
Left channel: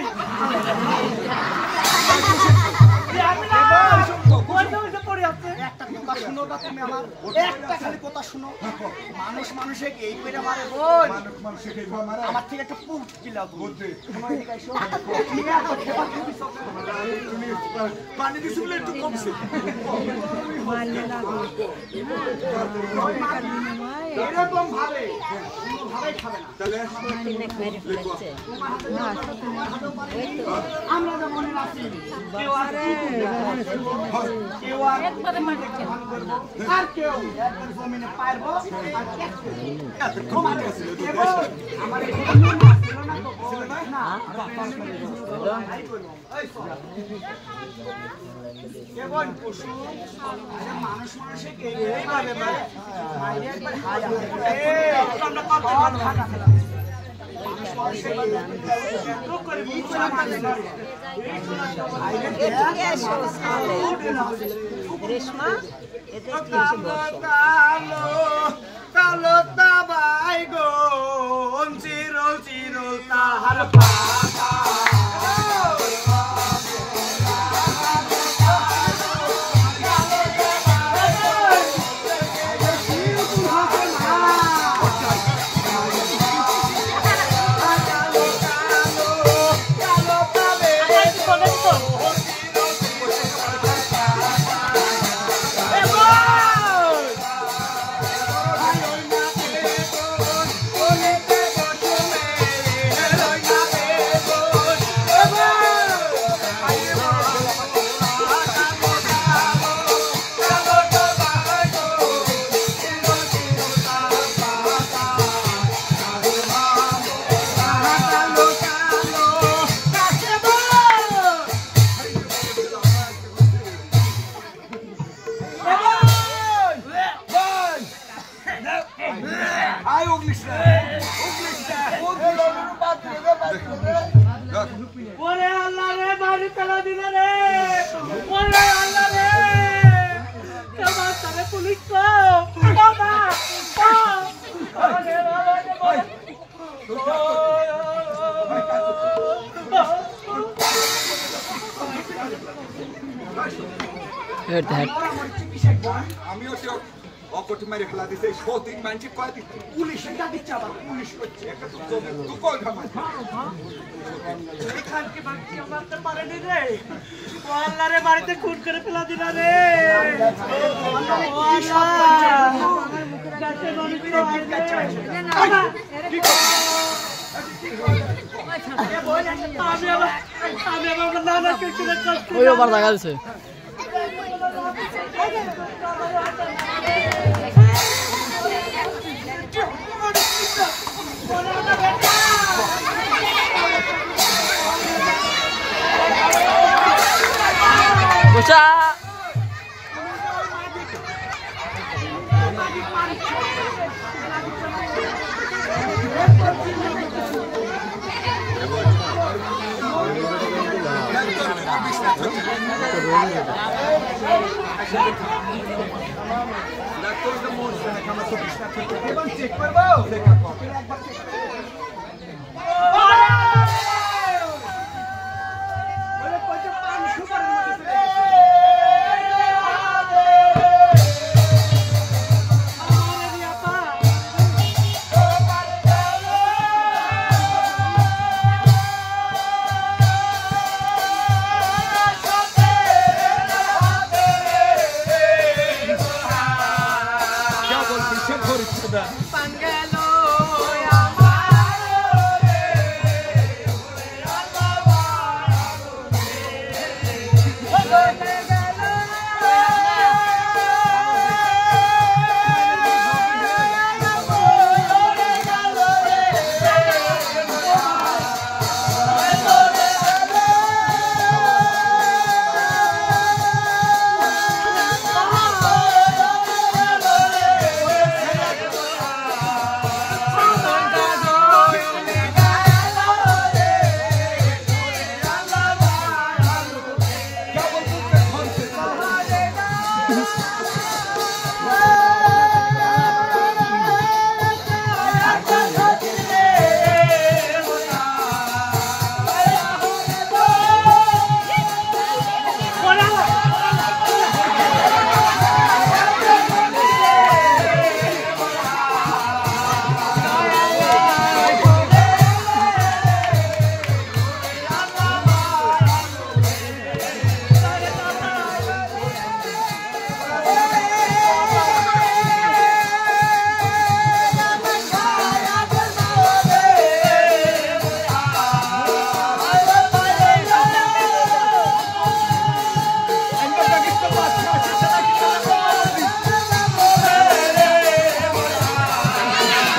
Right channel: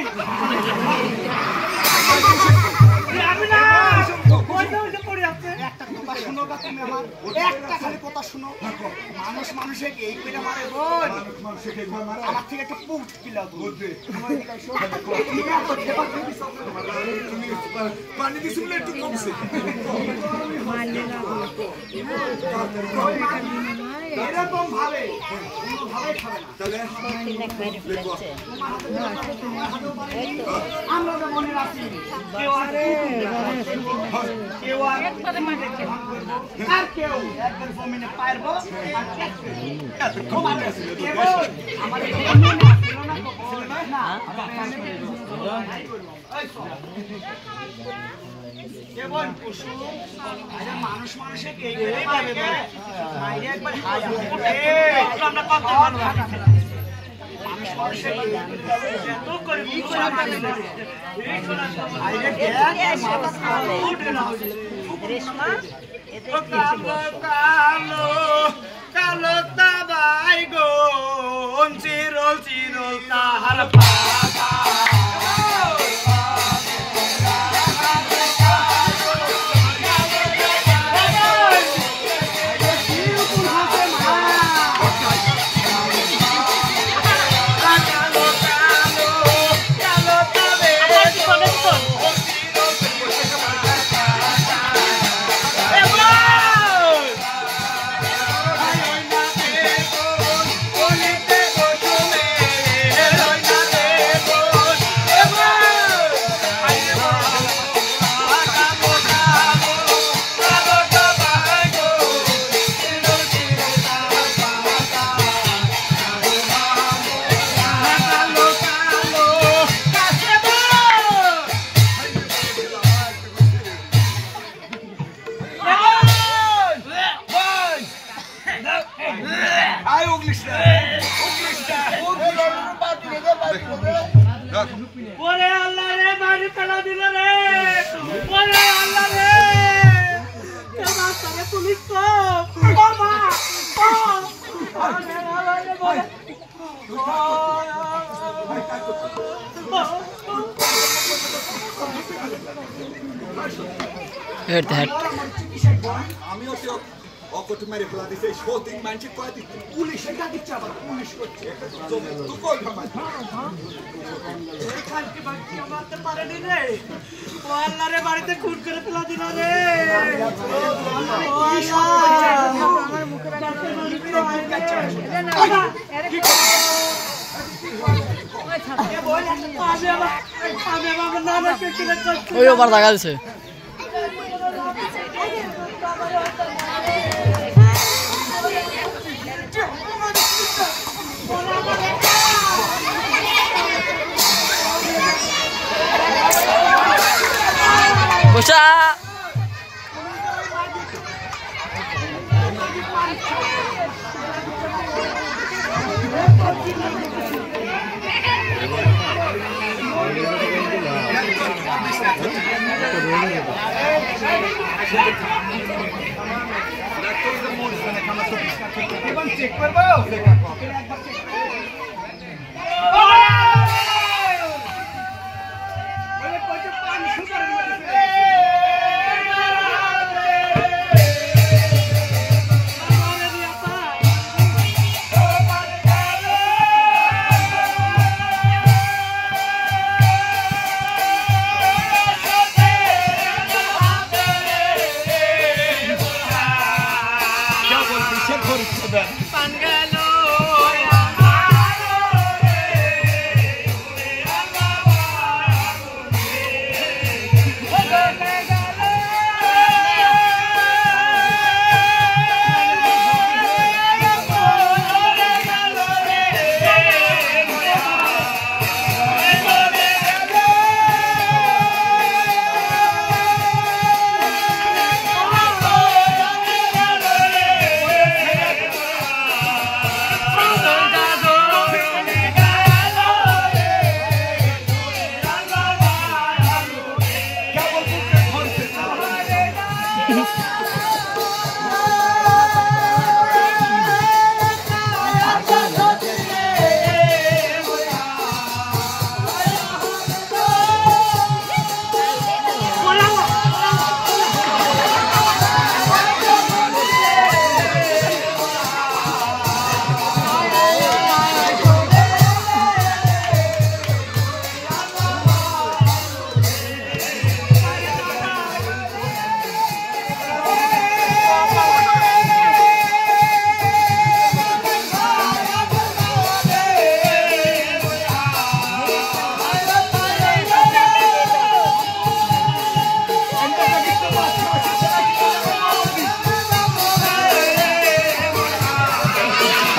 একটা কথা শুনো তুমি আমার একটা খালি কথা শুনো মানুষ মানুষে এই করে মারে বোন আমার থেকে একটা পুট পিলাও পানি দিছিল একটু কমছে এরকম ভাবে কোনোভাবে খাবে না। তাহলে আমরা তো মনে রাখি কেউ আর কেউ আর ভান করবো, আর কেউ একবার জমিনে পারবো আর আমার কেবল পশু মানুষ মানুষের একবার কালো তাবাই গো চিরল চিরল তাহার পাতা ওরে আল্লাহ রে বাড়ি ফেলা দিল রে ওরে আল্লাহ রে কেমন করে পুলিশ তো বাবা আমিও তো অকটি মেরে ফেলা দিছে সতিক মানছি কয়টি পুলিশে ডাকিচ্ছে আবার পুলিশ করছে একটা জমি তো কই থামাই এখানকে বাকি মারতে পারেনি রে ও আল্লাহ রে বাড়িতে খুন করে ফেলা দিল রে ও আল্লাহ আমার মুখে রাখতে ওই ওবার দেখা যাচ্ছে বসা চেক করবো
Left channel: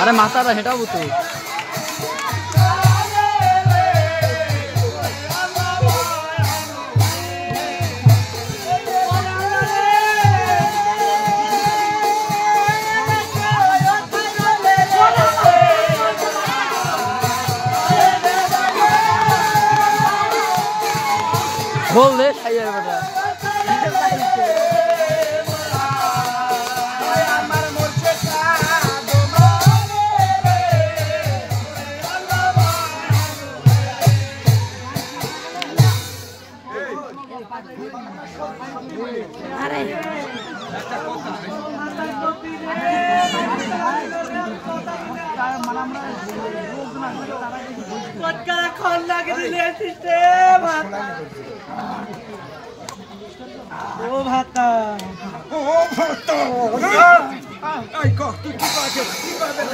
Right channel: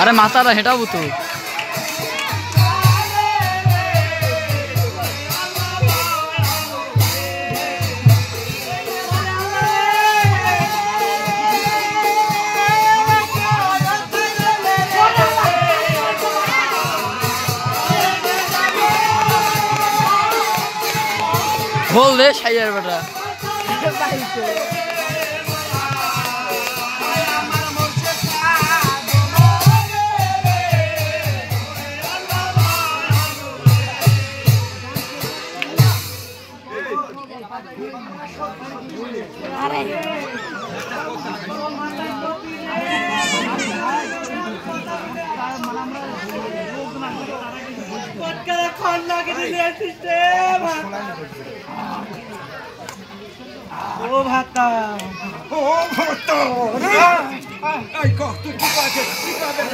আরে মাথাটা হেঁটাবো তো বল দে সাইয়ার বেটা ও ভাতা এই কহ তুই কি কইছিস কি কইবে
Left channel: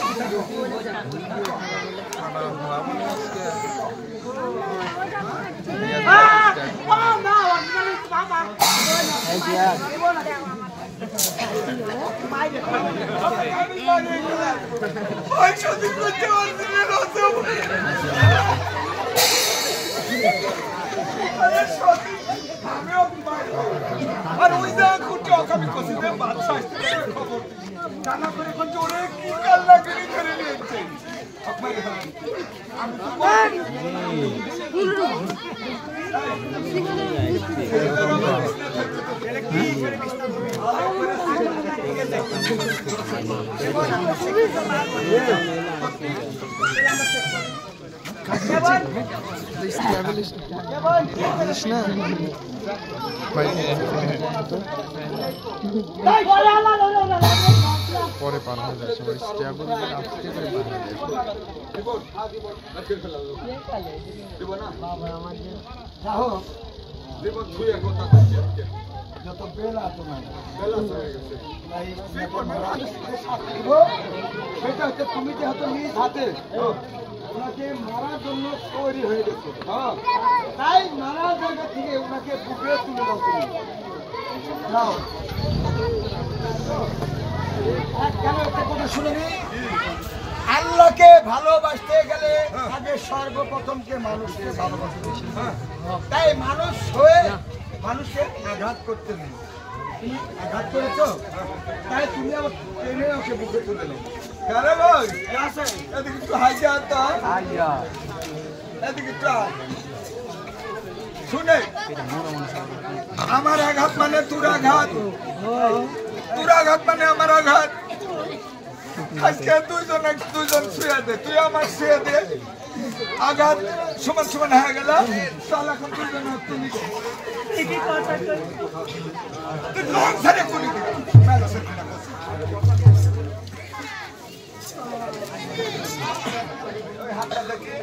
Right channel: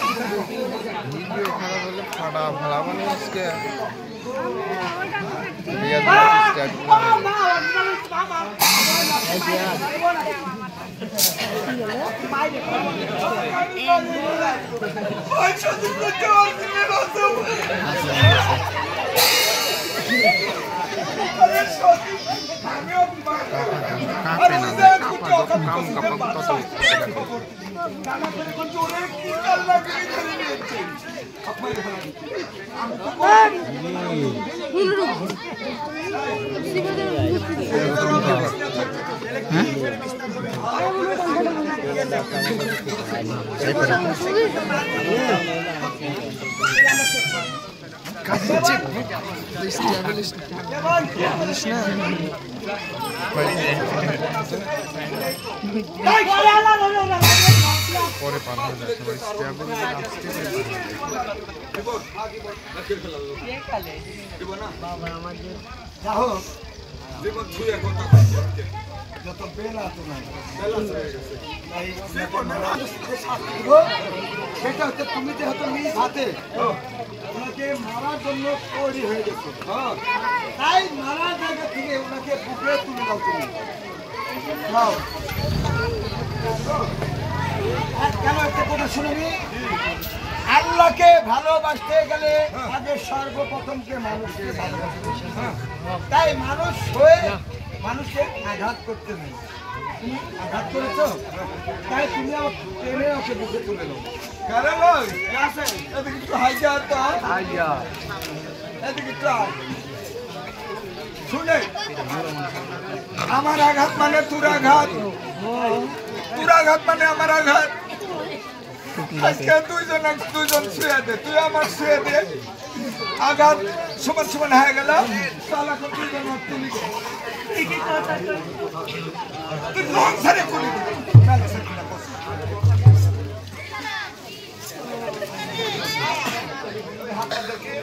ওই শুধু করতে পারছি না আরে সত্যি আমিও আর ওই জায়গা খুঁজে অকামি করছি রে বাচ্চা খবর জানা করে কোন জোরে কি কাল লাগে ধরে নিয়েছে আমি তো পরে পার হয়ে যায় সবাই স্ট্যাবল আজকে যত বেলা তো নাই সেটা হচ্ছে তুমি যেহেতু নিজ হাতে ওনাকে মারার জন্য তৈরি হয়ে গেছে তাই মারার জায়গা থেকে ওনাকে বুকে তুলে দাও তুমি যাও কেন একটা কথা শুনেনি আল্লাহকে ভালোবাসতে গেলে আগে সর্বপ্রথমকে মানুষকে ভালোবাসতে তাই মানুষ হয়ে মানুষকে আঘাত করতে নেই তুমি আঘাত করেছো তাই তুমি আবার টেনে ওকে বুকে তুলে দাও কারে ভাই এদিকে একটু হাইজা তো এদিকে একটু শুনে আমার আঘাত মানে তোর আঘাত তোর আঘাত মানে আমার আঘাত আজকে দুইজন শুয়ে দে তুই আমার শুয়ে দে আঘাত সমান সমান হয়ে গেল তাহলে এখন দুইজন তুমি লং সারে কোনি মেলা সাকিনা বস ওই হাতটা দেখে